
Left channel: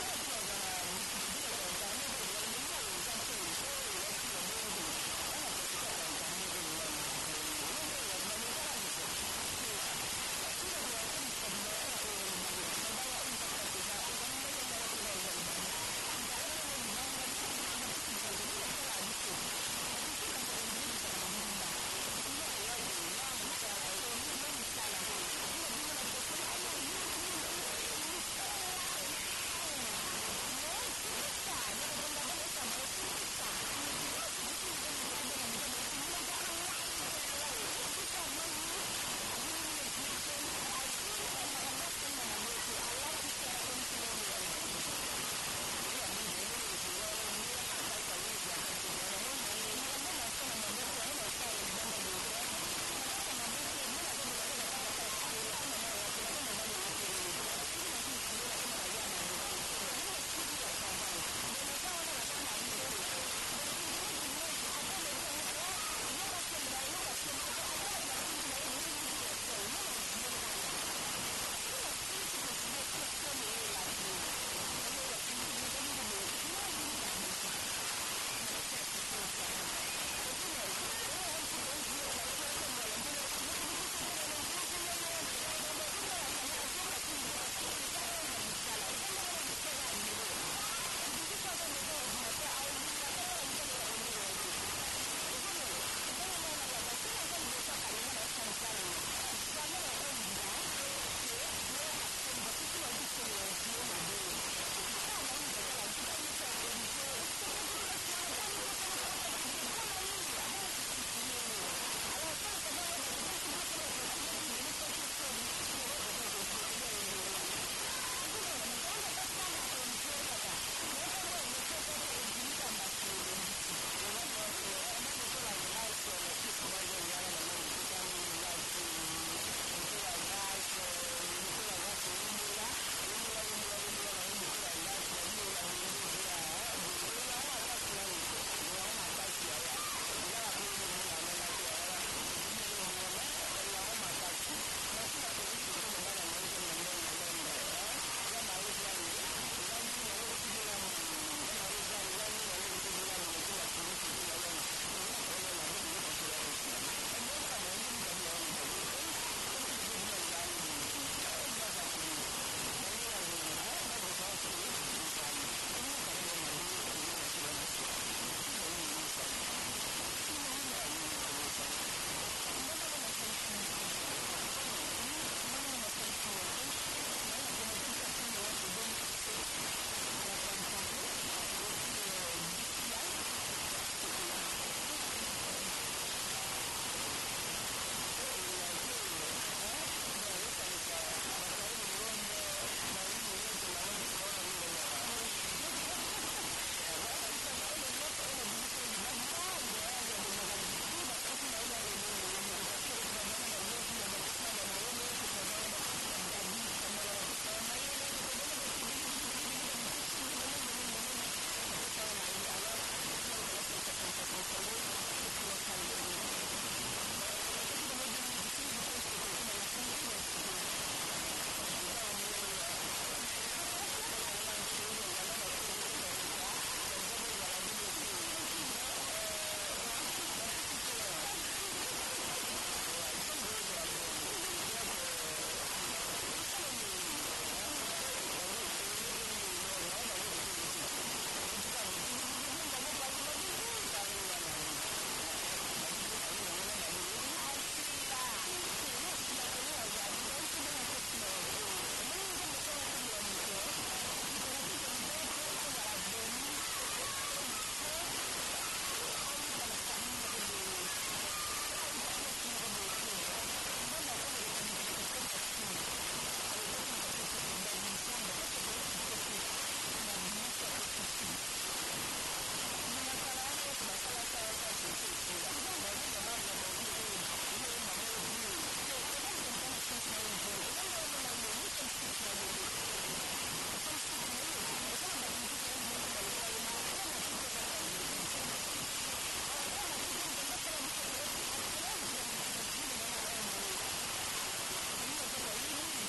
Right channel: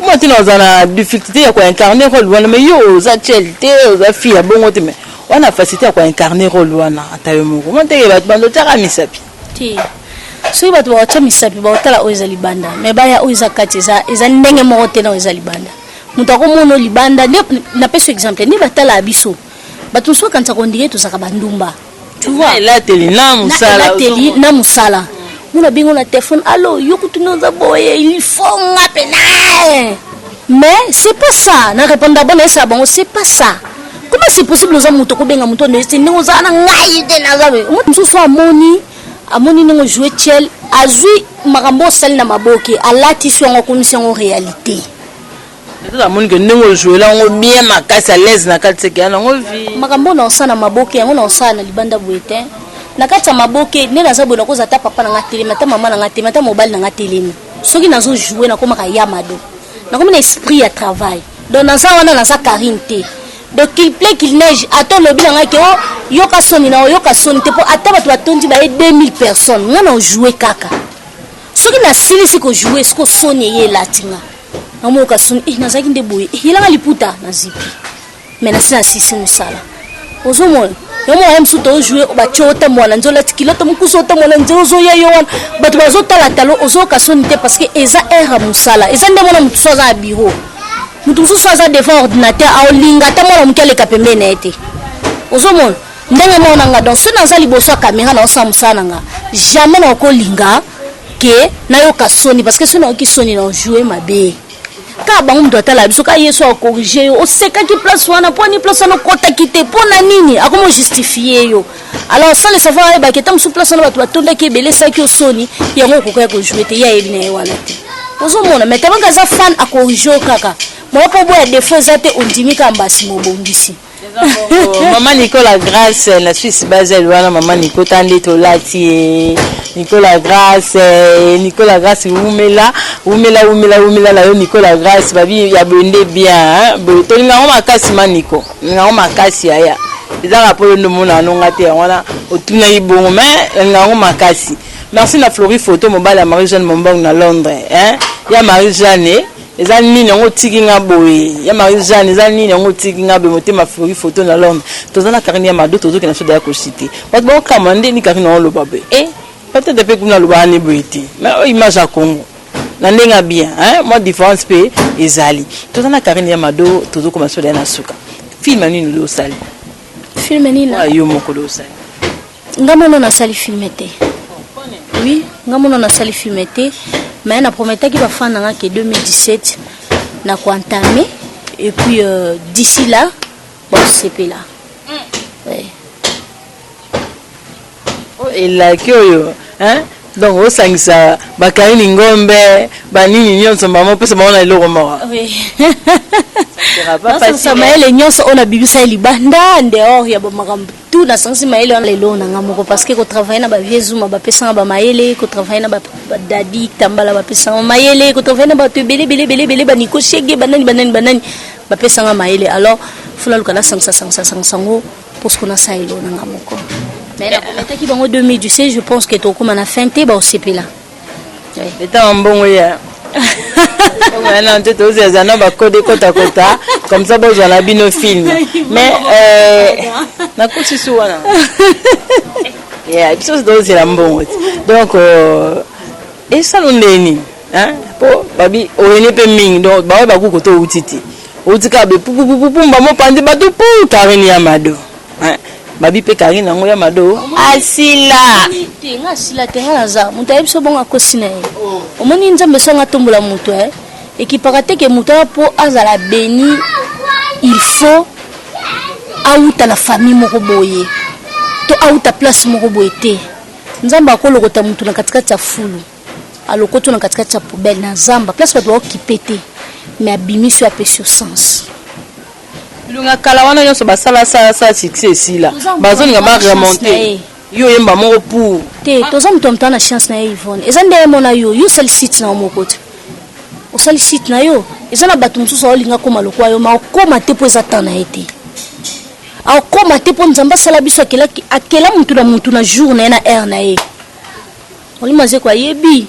moi tu n'as pas difficulté à incarner rôle mais yo za chelté za fille bongo te mais on wana facilité à incarner rôle wana atayo moko monte ke bat bando tara misapi ti soki bato baotya misapi baotala oyo eza libanda me baya oyo eza kati eza ndenge moko te na oyo eza libanda moto akomona libanda napesi exemple nde batala biso bato mosusu bakanisa kondire tozaka bandumba elateli na mosala mona bingo na telefone allo yo kutuna oza boye il faut nga pena mais c'est pas ça na répondre bon esa bango c'est pas ça. Comment c'est possible oza moto ko benga moto ndese ndenge oza na ngai te na zabe moto mosusu amoni ndenge jouer tiel azui makambo sali na maboke alati so ngo komisi en réalité la moni que ndenge jouer la ngo bien makasi à l'aise na kati seke na ngo vi makambo na osana maboke yango na osana na libanda boete na kati ya maboke ne naza bona koza ta papa na ngatele mata mama na ngatele mata mobile na ngatele soki nazo jouer na komaka yamado na comme un esprit à travail donc dans ça on a sa carinte donc qu'il plaît qu'il neige attends le bilan que yoka soni na yoka soni te pour attendre tu atondi ba 2000 personnes on a joué kaka ce qui na silisi ko jouer ce ko soni ye latinga na mo ka soni na zaki ndeboye yelanga liputa na zipi mais na sina sisi musala ozomo yomo am suto jouer ba chota mwana nzola tikilota mukusota mwana nzozo ya yowan batu bazotala talo ozoka soni te parce que eza era musala eza ndemona mutu soza a bureau mutu soza devant ordinateur a olinga ta mwana mukele kapembe na ete ozomona ndenge mona nga donc sona za liboso a caméra na osa musala nga jamais na kolinga ke na yo ka soni parce que sona ki soni na jouer mabe ka bango mtu atala biso ka yeso a corriger o seka ki place wana poni place na kota kite pona nini akomo justifier yo alors sans le savoir ba ketam sous place na batu batonda ke belé sa ki o soni yango ko ko jouer te ya yeli na wana te ozomona mais tellement ka za fan a corriger kaka mo po boya défaut zate ondimika mbasi mo bongisi maman Nicolas Grâce la Suisse basée wana maman Nico tande to lati Nicolas Grâce umela la yo Nicolas Grâce babi ya bende bien bo to nga o makasi maniko nga o makasi aya ezaka po ndo mona nonga te wana otuna ibongo mais nga o makasi merci na Flori photo mobile ya Marie-Jeanne Mombong na Londres ya Marie-Jeanne eza nini ngo tiki nga boye ya Marie-Jeanne eza nini ngo tiki nga be motema Flori photo na Londres tozana karine ya mado tozo ke na soda ya ko citer parce que kamande ni karine on lo babe peut-être depuis qu'on a le bani boiti mais image à Congo na ndenga bien moi différence pe ezali tozana karine ya mado tozo ko soda na suka film nini lo sali film nini na yo moko lo sali ngamono na sali filmete oui ngamono na sali filmete mais na promettait qu'il va faire en 2017 na ko entamer et puis d'ici là bon c'est là ouais et là que donc au sangisa bakari ngombe banini nyonso mama pesa maona iloko mawa oui ça maele nyonso on a bibisa libanda dehors ya bamakambu tout na sangisi maele on lelo na ngamoko parce que ko travailler na ba viezuma ba pesa ba maele ko travailler na ba dadi tambala ba pesa maele ko travailler na ba bele ba niko shege banani ba pesa maele alors fula lukala sangisa sango pour ce qu'on a ça elo na ngamoko. Mais la première qui en 2017, je pense que tout comme on a feinté, bah au CP là. Et t'as un bon ya. Maintenant tu te dis ça va coder kota comme ça bon j'en ai bien au film. Mais na ko si suwana. Yeah, il faut se dire bon. Donc et ça on est po babi o ene pe ming donc ba ba ku ko to utiti. Utika be pu mba mo pandi ba to pu karine ya mado. Babi pe karine ngo ya mado asila tenga asila tenga naza mutu ayibiso bonga kosina ye omoni nzambe songa tombola mutu ekipaka te ke mutu po azala béni il faut auta la famille moko boye to auta place moko boye te nzambe akolokota mutu na katikati ya fulu alokoto na katikati ya poubelle na nzamba place bato baokipe te mais abimiso ya pesio sens lunga kala wana nyonso basala sa succès ici là bazoninga ba remonter yo yemba moko pour te toza mutu mtana na chance na Yvonne eza ndele mona yo sali site na moko te o sali site na yo eza na batu mususu olinga koma lokwa yo ma koma te po eza tana ete a koma te po nzamba sala biso akela mutu na journée na heure na ye oli maze kwa yebi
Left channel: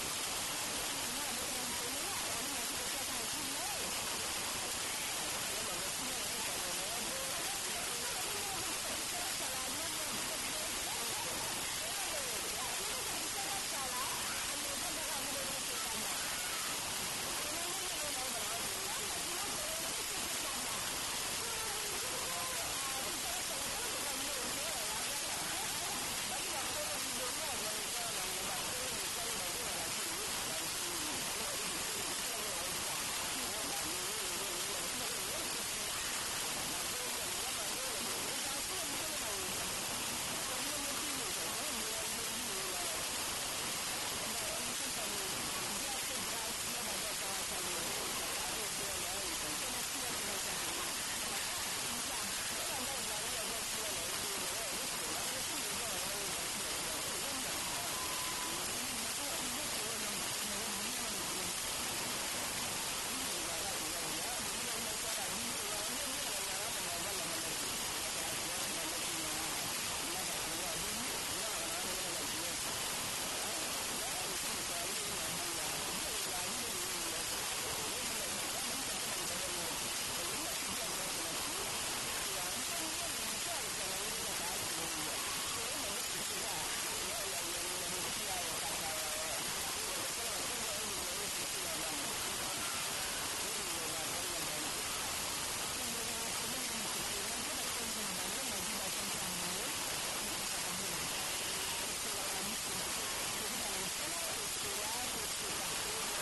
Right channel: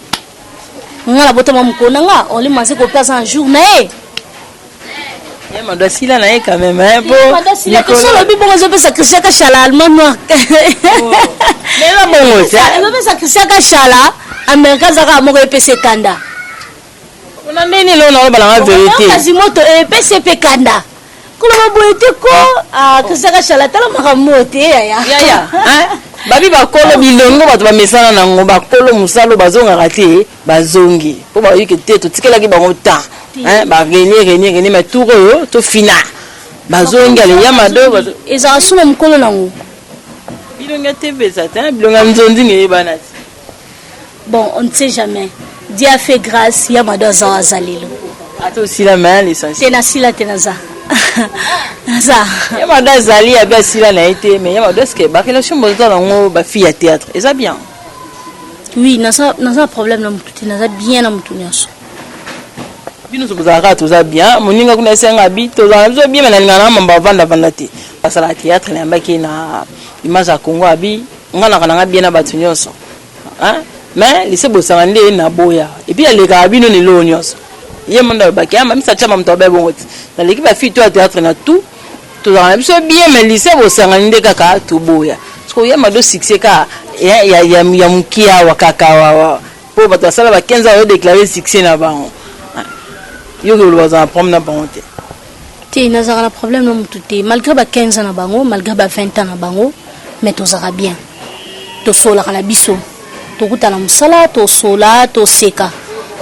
ngala botama mukona nga oli maze ko place un jour na ye Mado sila na quand même hein Mado sila que solo bi bon zo pe sacrifier ka chala allemand noir. Mais là bon ça. Zo pe sacrifier ka chala America zaka moko PC kanda. On a nini lo na ba la vérité. Quasimoto PC pe kanda. Ko lo boyete ko sacrifier ka chala tala makamote ya. Ya hein. Babi bakolo bilongo bato ba mesana nango bakolo musalo bazonga kate bazongi. Po ba yike te to tikela ki bango temps. Hein ba gagner mais tout to fina. Bazongi ale ya mado bato. Eza suma mukolo nango. Bilonga te beza ta bilonga nzondi ngi banati. Bon, on ne sait jamais. Dieu a fait grâce, ya mado za zalelo. Ato aussi la main l'essentiel. Tenaza. Ça. Ya mado zali ya ba sila na été mais ya mado est-ce que ba relation bozo nango ba fille à théâtre. Et ça bien. Oui, nasa problème na mutu, nasa bien na mutu nyaso. Bino sobuzaka toza bien, moninga kuna senga bi toza bien mais na mamba vanda te. Parce la théâtre na mbaki na image ya Congo abi, ngana kana bien na batu nyonso. Hein? Mais lise bosangande na boya. Et puis les carabines ni lo nyonso. Ye monda baki ama misa chama mtobe bongoti. Na l'équipe a fait tout à théâtre na tout. Toza bien mais lise bosangande kaka to boya. Parce que ya mado succès ka ya mukia wakaka wa. Po bato sala ba 15 ans déclarer succès na bango. Yo que le voisin problème na bango te. Te nazara problème na mutu te. Malgré ba 15 ans na bango, malgré ba 20 ans na bango, mais tozara bien. To sola kana biso. Tokuta na musala, to sola, to seka.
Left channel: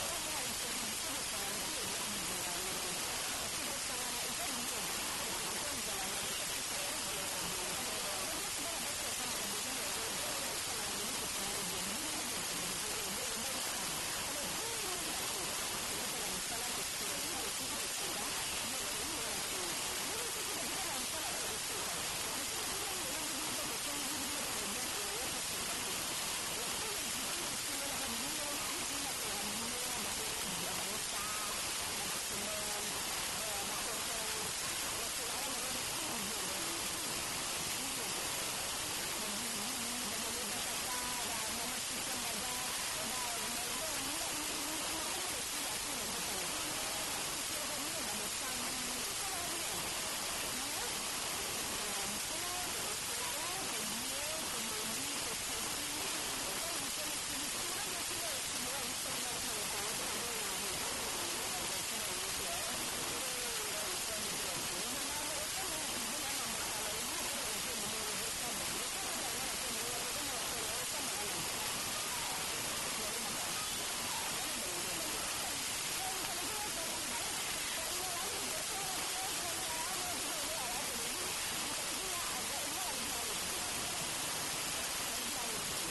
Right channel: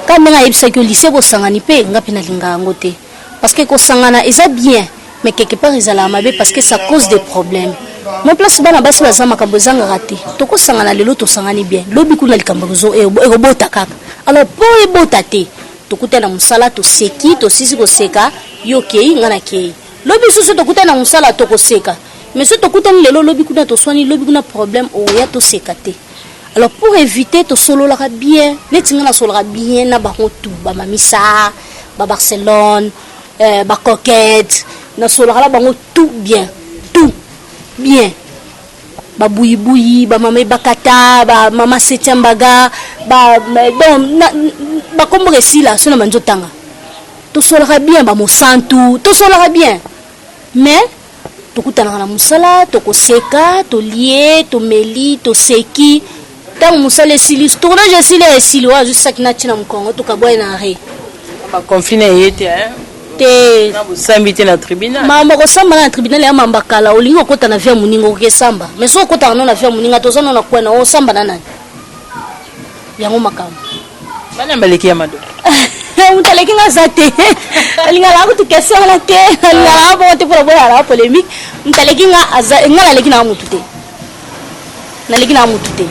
Quand nga yebisa que lycée bo sangani pe ngapi na linga ngote. Parce que ko sangana eza bien, mais quelque part ezala mabe parce que ça cause des problèmes. Mon place bana basi bazama kabozanga raté. To ko sangana lelo to sangani bien. Lobi kuna likambazo e robota kaka. Alors pour e botate, tokuta na musala to seki, to sisi ko seka, yo kei ngana kei. Lobi susu tokuta na musala to ko seka. Mais si tokuta ni lelo lobi kuna to soani lobi kuna problème o ya to sekate. Alors pour éviter to solo la bien, les tingana solo la bien na ba tout, ba Mamisa, ba Barcelone, ba Coquette, na solo la ba tout bien, ba bouyi ba mama bakata, ba mama Setiambaga, ba donc ba kombo resila sona manjo tanga. To solo la bien ba mo santu, to solo la bien. Mais tokutana na musala, toko seka, to lié, to meli, to seki. Tant musale silis tournage sile silo juste ça qui na tina mkongo to kaboy na re ba confiné yete hein te na busambité na tribunal mama ko samba na tribunal ya mamba kala olingo kota na via muningo ke samba mais so kota na via muninga to zana na kwena o samba na nani yango makam bana mbaleki ya mado utaleki nga zate alinga la ko question la te la bo te pour boya la polémique utaleki nga ngala leki na mutu te na leki na mutu te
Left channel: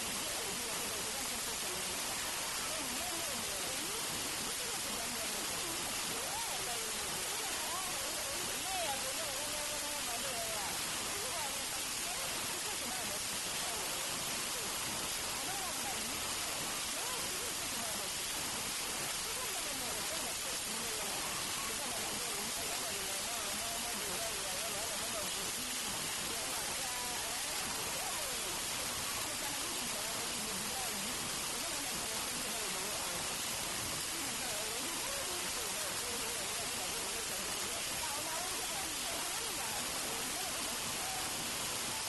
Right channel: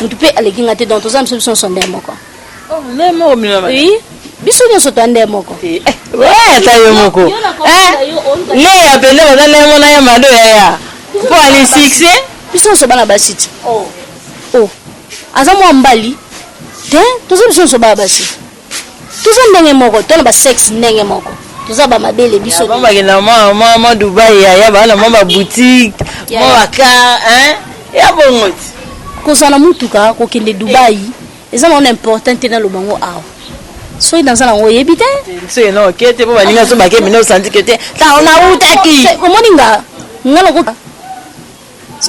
mutu pe aleki nga te donc to zam solution son demoko oh le mo mina oui biso nyoso to ande moko ouais ta yo moko le ya pele ba le mo na ya mado ya pour aller succès biso so bana basiti oh azamo mbali te to zam so baba basi to zam ndenge moko to na ba sex ndenge moko to za ba mabele biso ba ba na ma Dubai ya ba na ma boutique mo baka hein ya bongoti kozana mutuka ko kende Dubai eza na important na lobango awa so dans la oyebite so no kete po baninga so bake mino santi kete ta ona utaki omoninga ngalo ko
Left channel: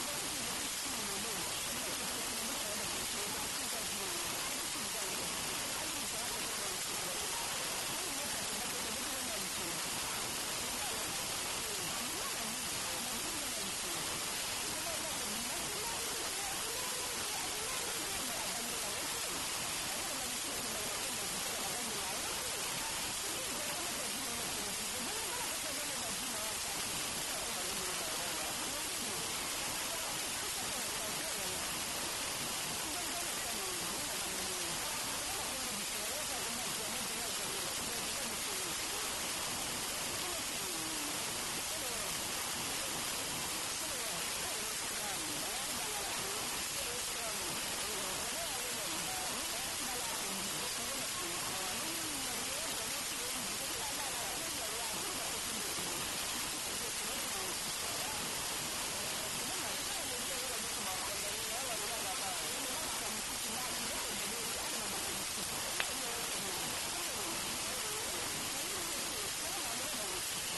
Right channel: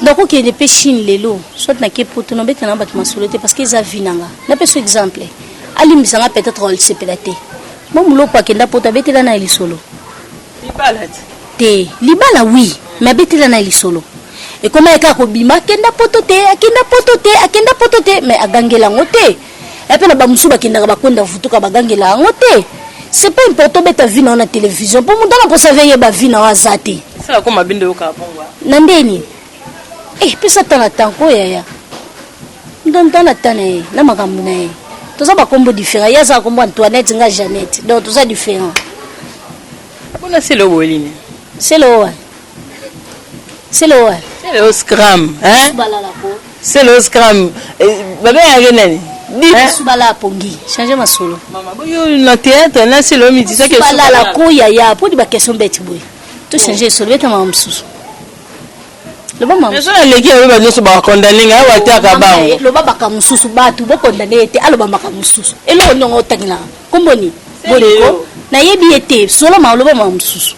ndako kende pe Chine lelo soit na ke poto no beta na bato masolete parce que za vinanga na peso exemple alimbisa nga peut-être on se pelate bon mulo pa kenda poto betela na elisolo libala libala oui mais betela na elisolo. Et comme elle a kobima akenda potote mais agangela ngote et puis na ba musuba kenda ba konda futuka bagangela ngote c'est pas important beta vie na télévision pour mundana pour savoir ba vie na wazati ça comme bindo yo ka pongwa nandeni pesa tana tanko ya ndona tane na makambo na to za ba kombo différent ya za kombo Antoinette nga Jeannette donc to za différent bona c'est le woline c'est le scram hein c'est le scram baba ya nani subala pongi changer masolo mama boyo na théâtre na c'est le midi ça que subala la koya ya pour di ba question bête boy to changer solo beta mama msusu le ba mama mais ça les gars ba no so ba condamner nga wa ta ka ba le ba ka msusu batu ba condamner te alo ba maka msusu elo nyongo tangila komboni boleko na yebi ete solo ma lo ba mama msusu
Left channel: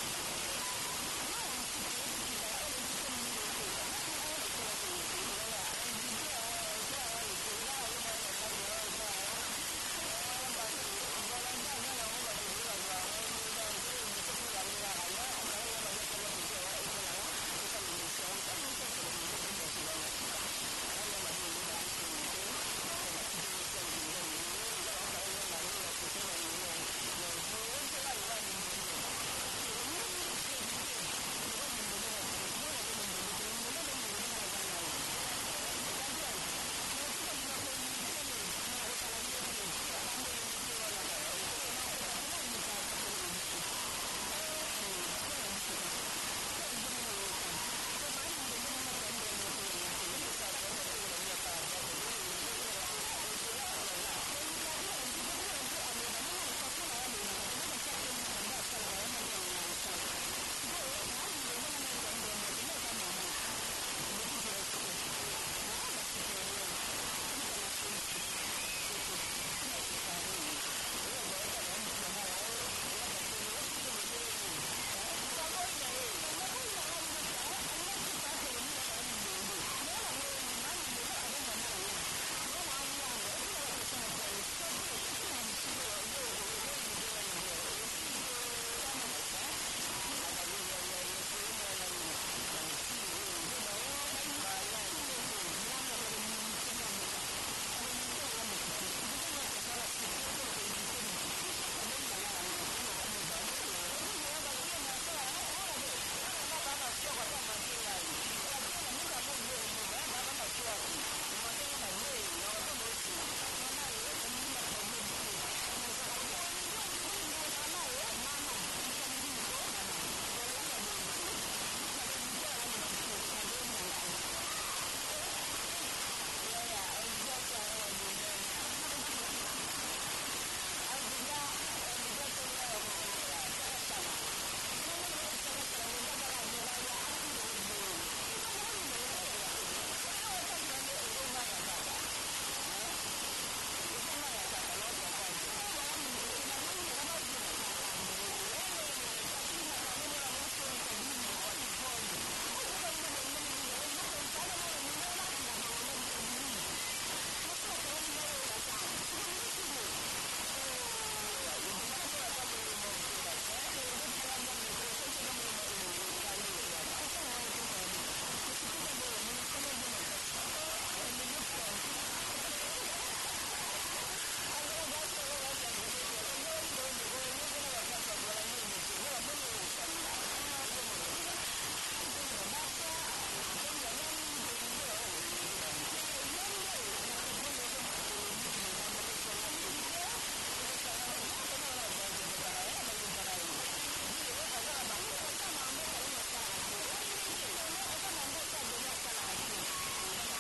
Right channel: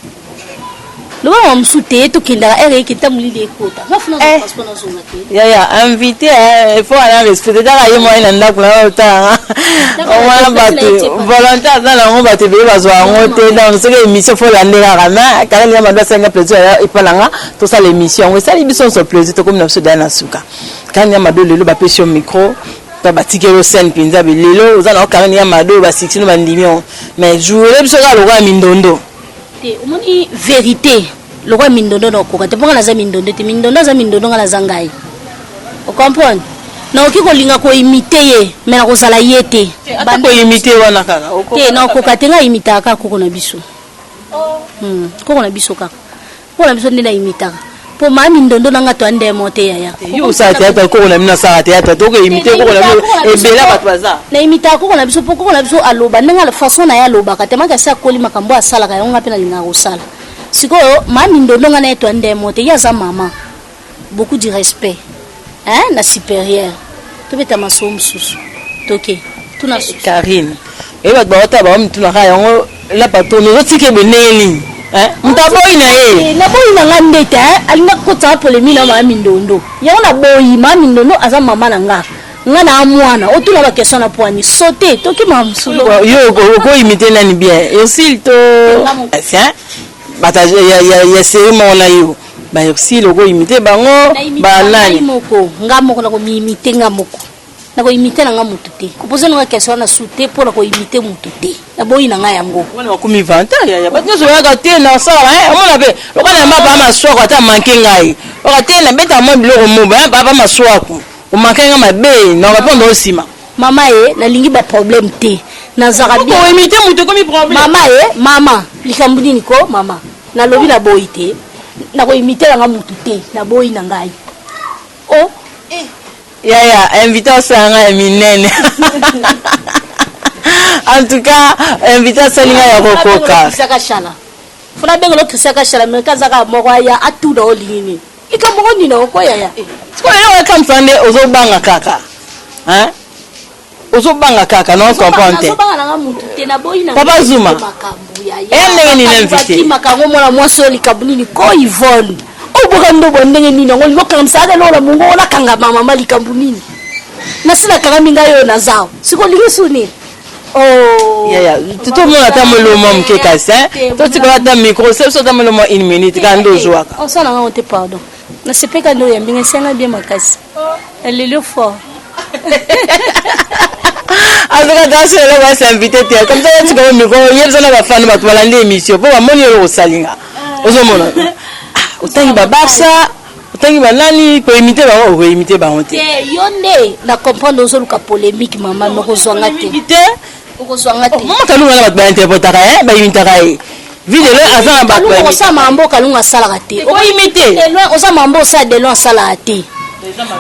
Le on me soutient tout qui n'a rien qui t'a moulé les côtes. Va faire un passeport dans son matin. Ya invité il faut aller respecter dans la moyen nda kula ota. On va battre volontaire dans la on va te veiller bazo on te dans ce émission faut la ndela rama quand il y a ma senga plaisir et pas là tout ça l'émission oui ça l'émission so plaisir to comme na soda na suka. Quand il y a ma do lelo ba pression micro ba batikelo scène pinza be lelo uzana quand il y a ma do ba 16 ba ndimio mais jouer biso ka lo kwa mindondo. Omoni vérité le roi mindondo no ko te ponga na za mindondo te mindondo za mindondo ngala zangai o comprendre na oki ko linga ko imiter ye mais na ko sala yete ba ko imiter wana kaka te na ko katenga imiter ka ko na biso ko na biso ka ko na biso ndina imiter po ma mindondo nanga to ande mote ya yo sa théâtre ko na mina sa théâtre to ko imiter ko na e bela batwa baza na imiter ko na biso po ko na biso aloba ndanga la façon na ya loba ka tema ka sa ko lima kambo asala ka yonga pena linga ko sala siko ma mindondo nga na to ande mote ya za mama beaucoup de respect hein na supérieur to beta masomo susu toke tuna Karine e ba ba ta ba mtu na ka yongo la patono zo tike beneli mtaboyi na ye na boyi na ngande te alinga ko ta polemi na ma mindondo ya na boyi ma mindondo aza mama na nga na amwana otula ba question na poani sauter toki mamsulo yo ko imiter nani bien et aussi to tiens bata ya série na yo ba aussi logo imiter bango ba nani moko ngamo na ko imiter ngamoko na ko imiter na ngamutu te ko poser na question na sauter pour na ko imiter mutu te na boyi na nga yango wana ko mi vanta ya ba nyo ya ka te na sala on be loka na maba maswako ata manke ngai o ka te na beta mo biloko mo ba baba maswako o manke nga mabe na répondre osima mama na lingi ba problème te na zara bien ko imiter mutu ko mi problème mama likambuni niko mama na lobi na boyi te na ko imiter nga mutu te na boyi na ngai oh ya invitation nga minene en tout cas invitation nga ya kokoka saka shala funa bengelo kisaka shala me kazaka moko ya atu do lingini ikambo ni no ko ya ko yo kam sande ozo banga kaka hein ozo banga kaka non comprendre ozo banga nga mutu te na boyi na Papa Zuma ndenge ni invité makango mona mwaso likabuni ni ko Yvonne obokando bondenge ni ngo lokanga msada lola mungo ona kanga mama mali kambunini na sina kanga minga yo na zao siko ligisuni oh ya tout monde ata molomo mke kasa to tikala ta micro c'est ça ta molomo 1 minute quand dozoa on s'en a honte pardon na sepeka ndo yambinga senga bien makasi elle est le fort azaka daso le va s'inviter te comme ça tu comme micro yebza na ba fan ba tbalande émission po ba moni yo salinga ozomona otangi babasa otangi banani ko imiter ba o imiter ba honte yonde na comprendre ozoluka polémique mama noko zwanga te okozwanga te mama kalunga na ba interprétaka ba imitaka vidéo azana ba ko sa mambo kalunga sala te ko imiter o sa mambo sa de loin sala te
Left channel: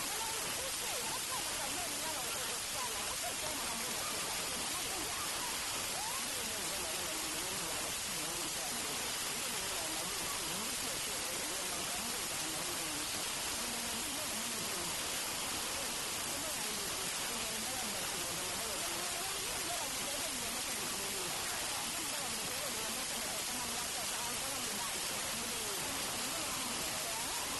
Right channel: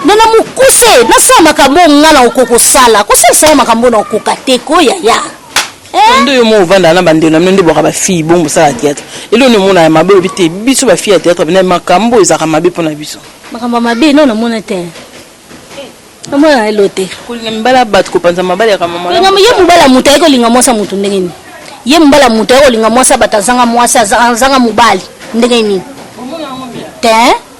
nana mukuse na sa makambo ngana okoko sala ko sa makambo na okoka te ko ya ndo yo mo vanda na bandelo na ndo boka ba fille bombo sala théâtre elo no mona mabe obite biso ba fille théâtre bina makambo ezaka mabe pona biso makambo mabe no na mona te na mona elote ko linga mbala bat ko panza mabale ya mama linga ye mubala muta ko linga mwasa mutu ndenge ni ye mbala muta ko linga mwasa batazanga mwasa zanga mubali ndenge ni te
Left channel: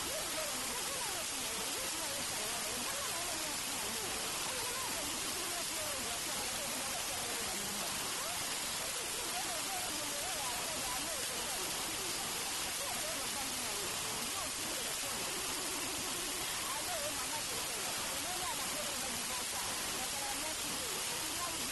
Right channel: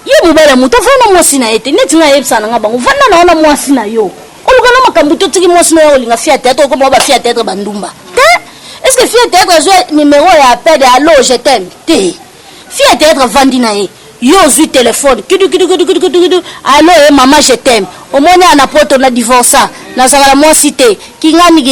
ye mubala muta fana mwasi na ete neti nga yebsana nga bango fana naona mwasi na yo olukana makambo to tiki mwasi na yo linga fille théâtre ko ba fille théâtre bandumba est-ce que fille théâtre zo numéro ya appel de allo je t'aime te fille théâtre vandi na ye yo zui téléphone kidu allo maman je t'aime au mona na poto na divorça na sala moi cité kingani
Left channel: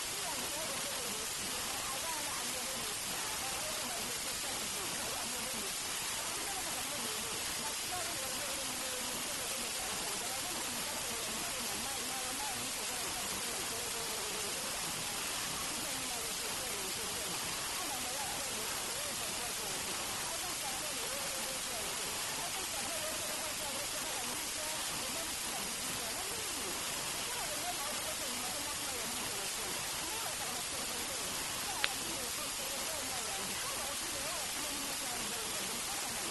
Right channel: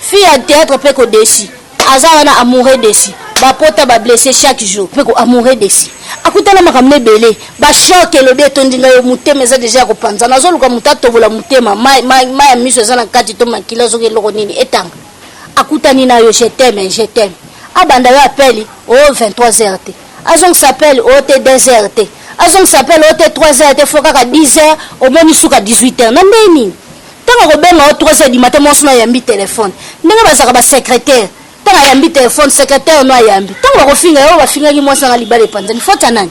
fille théâtre pe ko desi azala na amoureux desi ba pota ba blessé chaque jour pe ko amoureux desi akutana makamne belé ba choc le beto ndinga yo mutema za déjà ko panza na zoluka mutato vola mutema mai ya miso za na kati to makila zo ke loko nini etanga akutani na yo je t'aime abanda yo appeli au 23h te azong s'appelle au t 2h te azong s'appelle au t 3h te foka ka 10h au moni suka 18h na ndeni tanga ko benga au 3h du matin monsuna yambi téléphone ndenge bazaka ba secrétaire tanga yambi téléphone secrétaire no yambi tanga ko finga yo ba finga ki monsana nga libale panzani fota nani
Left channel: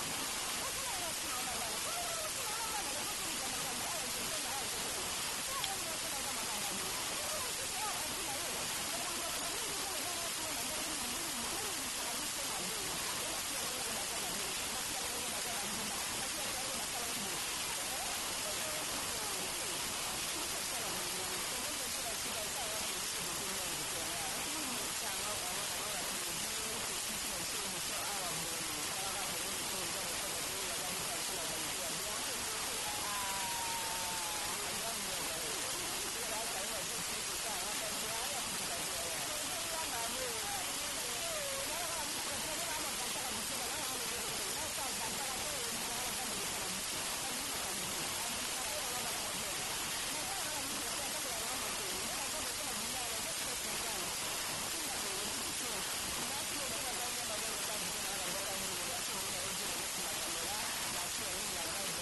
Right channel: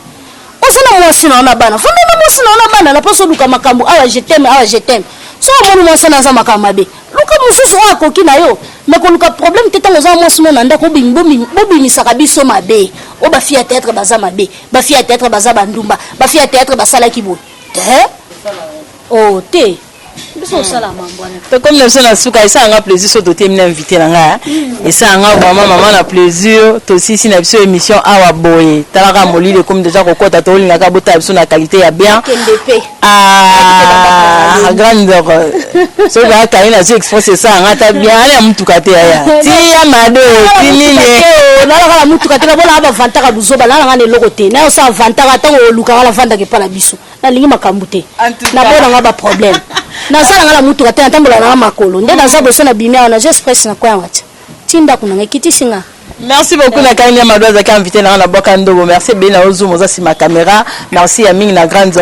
osana monsina ona bana fona na monsina ona bana na poso luka makambo awa je t'aime so mon mo sana za makamabe luka mususu akoki na yo mais ko luka problème te tango za mo simo na ndako bobimisaka biso mabe o ba fia théâtre baza mabe ba fia théâtre baza bandumba ba fia théâtre basala kibo oh te biso sala mambwana to comme le son asuka ça a plaisir so to terminer invité na nga et ça a maman na plaisir to si na biso émission awa boye talaka molile comme déjà kokota to linga ka bota biso na qualité ya bien grandeur so ba kaina si express ça ngata bien ale mutuka te ya ti ya mado ti nini na la mutuka te na bona ba vantaka buzoba na ngane lokote na sa vantaka tango luka la vanda ke pala biso na lingi makambu te na bona ngaba problème na sala ngala mutuka te ntambola na makolo nde na zabo so na bimia na express na kwa ngati tinda kuna ngekiti singa. Merci beaucoup na Karine Madoza qui a invité na boka ndogo. Merci Bena Ozumo za ma caméra. Merci à Ming na grande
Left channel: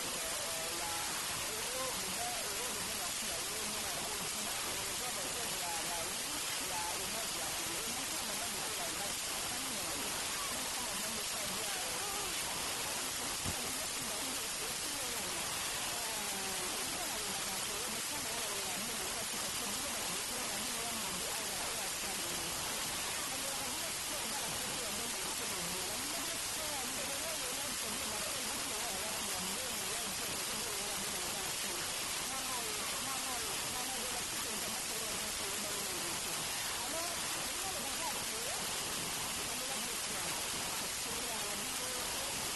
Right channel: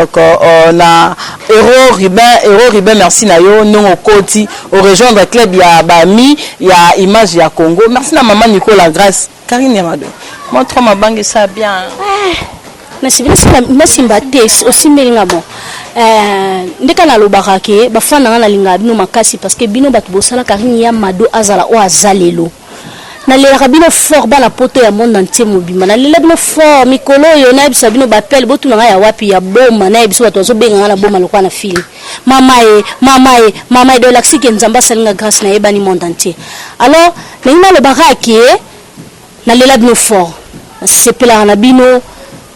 na Héros Ribin merci na yo non au Koti au rejoindre club ya Bami ya image ya Congo. Merci na maman Nicolas Grâce. Karine Madoza. Montre ma banque ça bien. Merci mbate aussi melinga bon. Ndeka na lobaka ke bafana na linga bino makasi parce que bino batu bosala Karine ya Mado azala o azalelo. Na le rabino fort bana poto ya monde entier mobima na le bino fort mikolo yo na bisa bino bapel botu na ya wapi ya bomba na biso bato zo benga na bomba lokwa na film mama e de l'axi ke nzamba salinga grâce na ebani monde entier alors na ina le baraki na le bino fort c'est pela na bino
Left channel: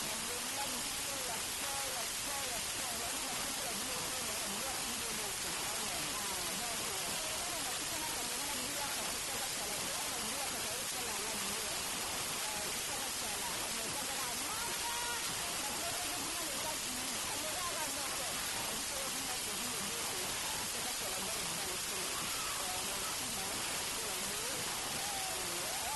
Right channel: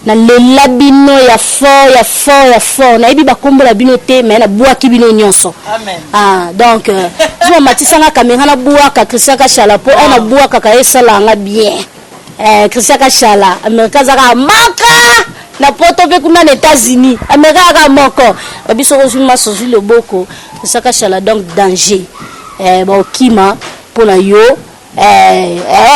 na le labino ya fort na ibi bakombola bino te mais na boaki bino nyonso amen donc zo matisa na caméra na boaka Christian Kashala po na boaka ka esala nga bien Christian Kashala Amerika zaka maka na poto pe kuna na États-Unis Amerika ka moko biso kozuma sozi le boko Christian Kashala donc danger ba okima pona yo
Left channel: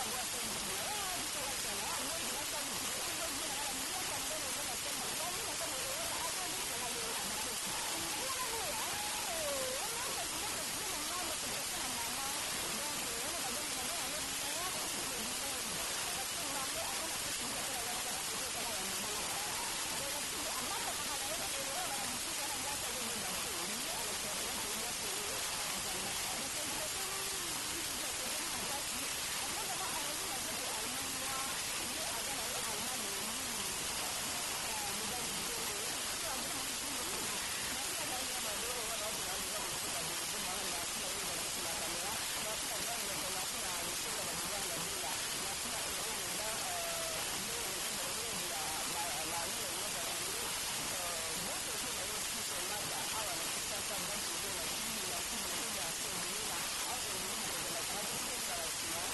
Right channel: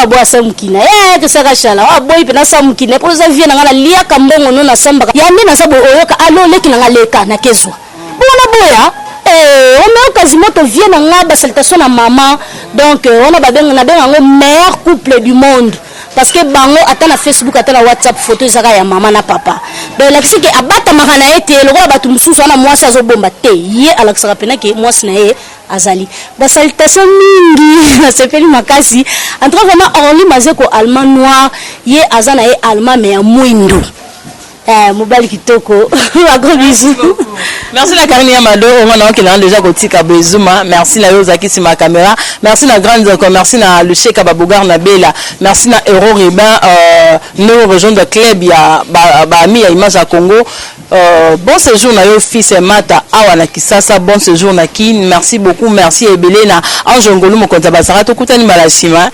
boa samukina que ça kachala boy pe na samukina pour ça vient na lia kambongo no na samba ya mina sabo oyoka alo leki na leka na kezwa bona boya on a quasiment to vient na ba salutation na maman donc on a babenga na benga ngo meilleur couple du monde parce que bango ata na Facebook ata na WhatsApp photo zaka ya maman na papa donc la kisiki abata makana ete lokola batu mususu na mwasi azobomba te ye alakisaka pena ke mwasi na ye azali ba salutation mingi na sepeli makasi entre vraiment Orly Mazeko allemand noir ye azana ye allemand mais ya mwindo mobali kitoko un gros bisou. Merci la Karine Amado on a qui l'a déjà kotika bezuma merci la Yozaki sur ma caméra merci la grande merci na le Cheikh Ababougar na Bela merci na Héros Ribin nous rejoindre club ya Bami ya image à Congo. Bon séjour na yo fils Mata awa na Kisasa bon séjour na Kin merci beaucoup merci Ebele na Anjongolu mokonza basara to kutani malashima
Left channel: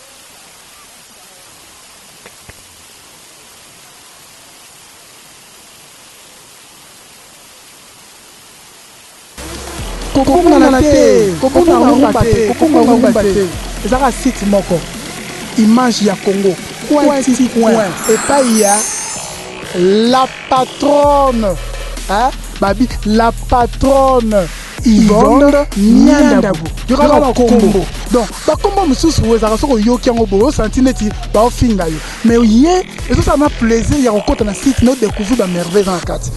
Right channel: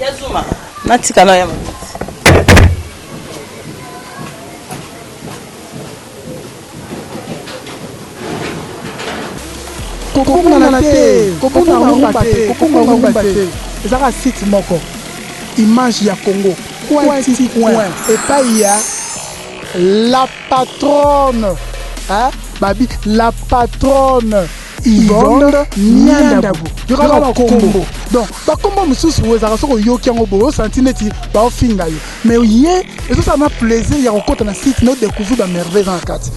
yazuma natika na yama kokongana te kokongana te ezaka site moko image ya Congo point et pas il y a la patronne babi la patronne Yvonne Nyandabu yokaka kombo donc bakombo mosusu ezaka soko yoki yango boyo santi neti baofinga yo mais ye ezosala na plaisir ya kokota na site no découvrir bamerveille na kati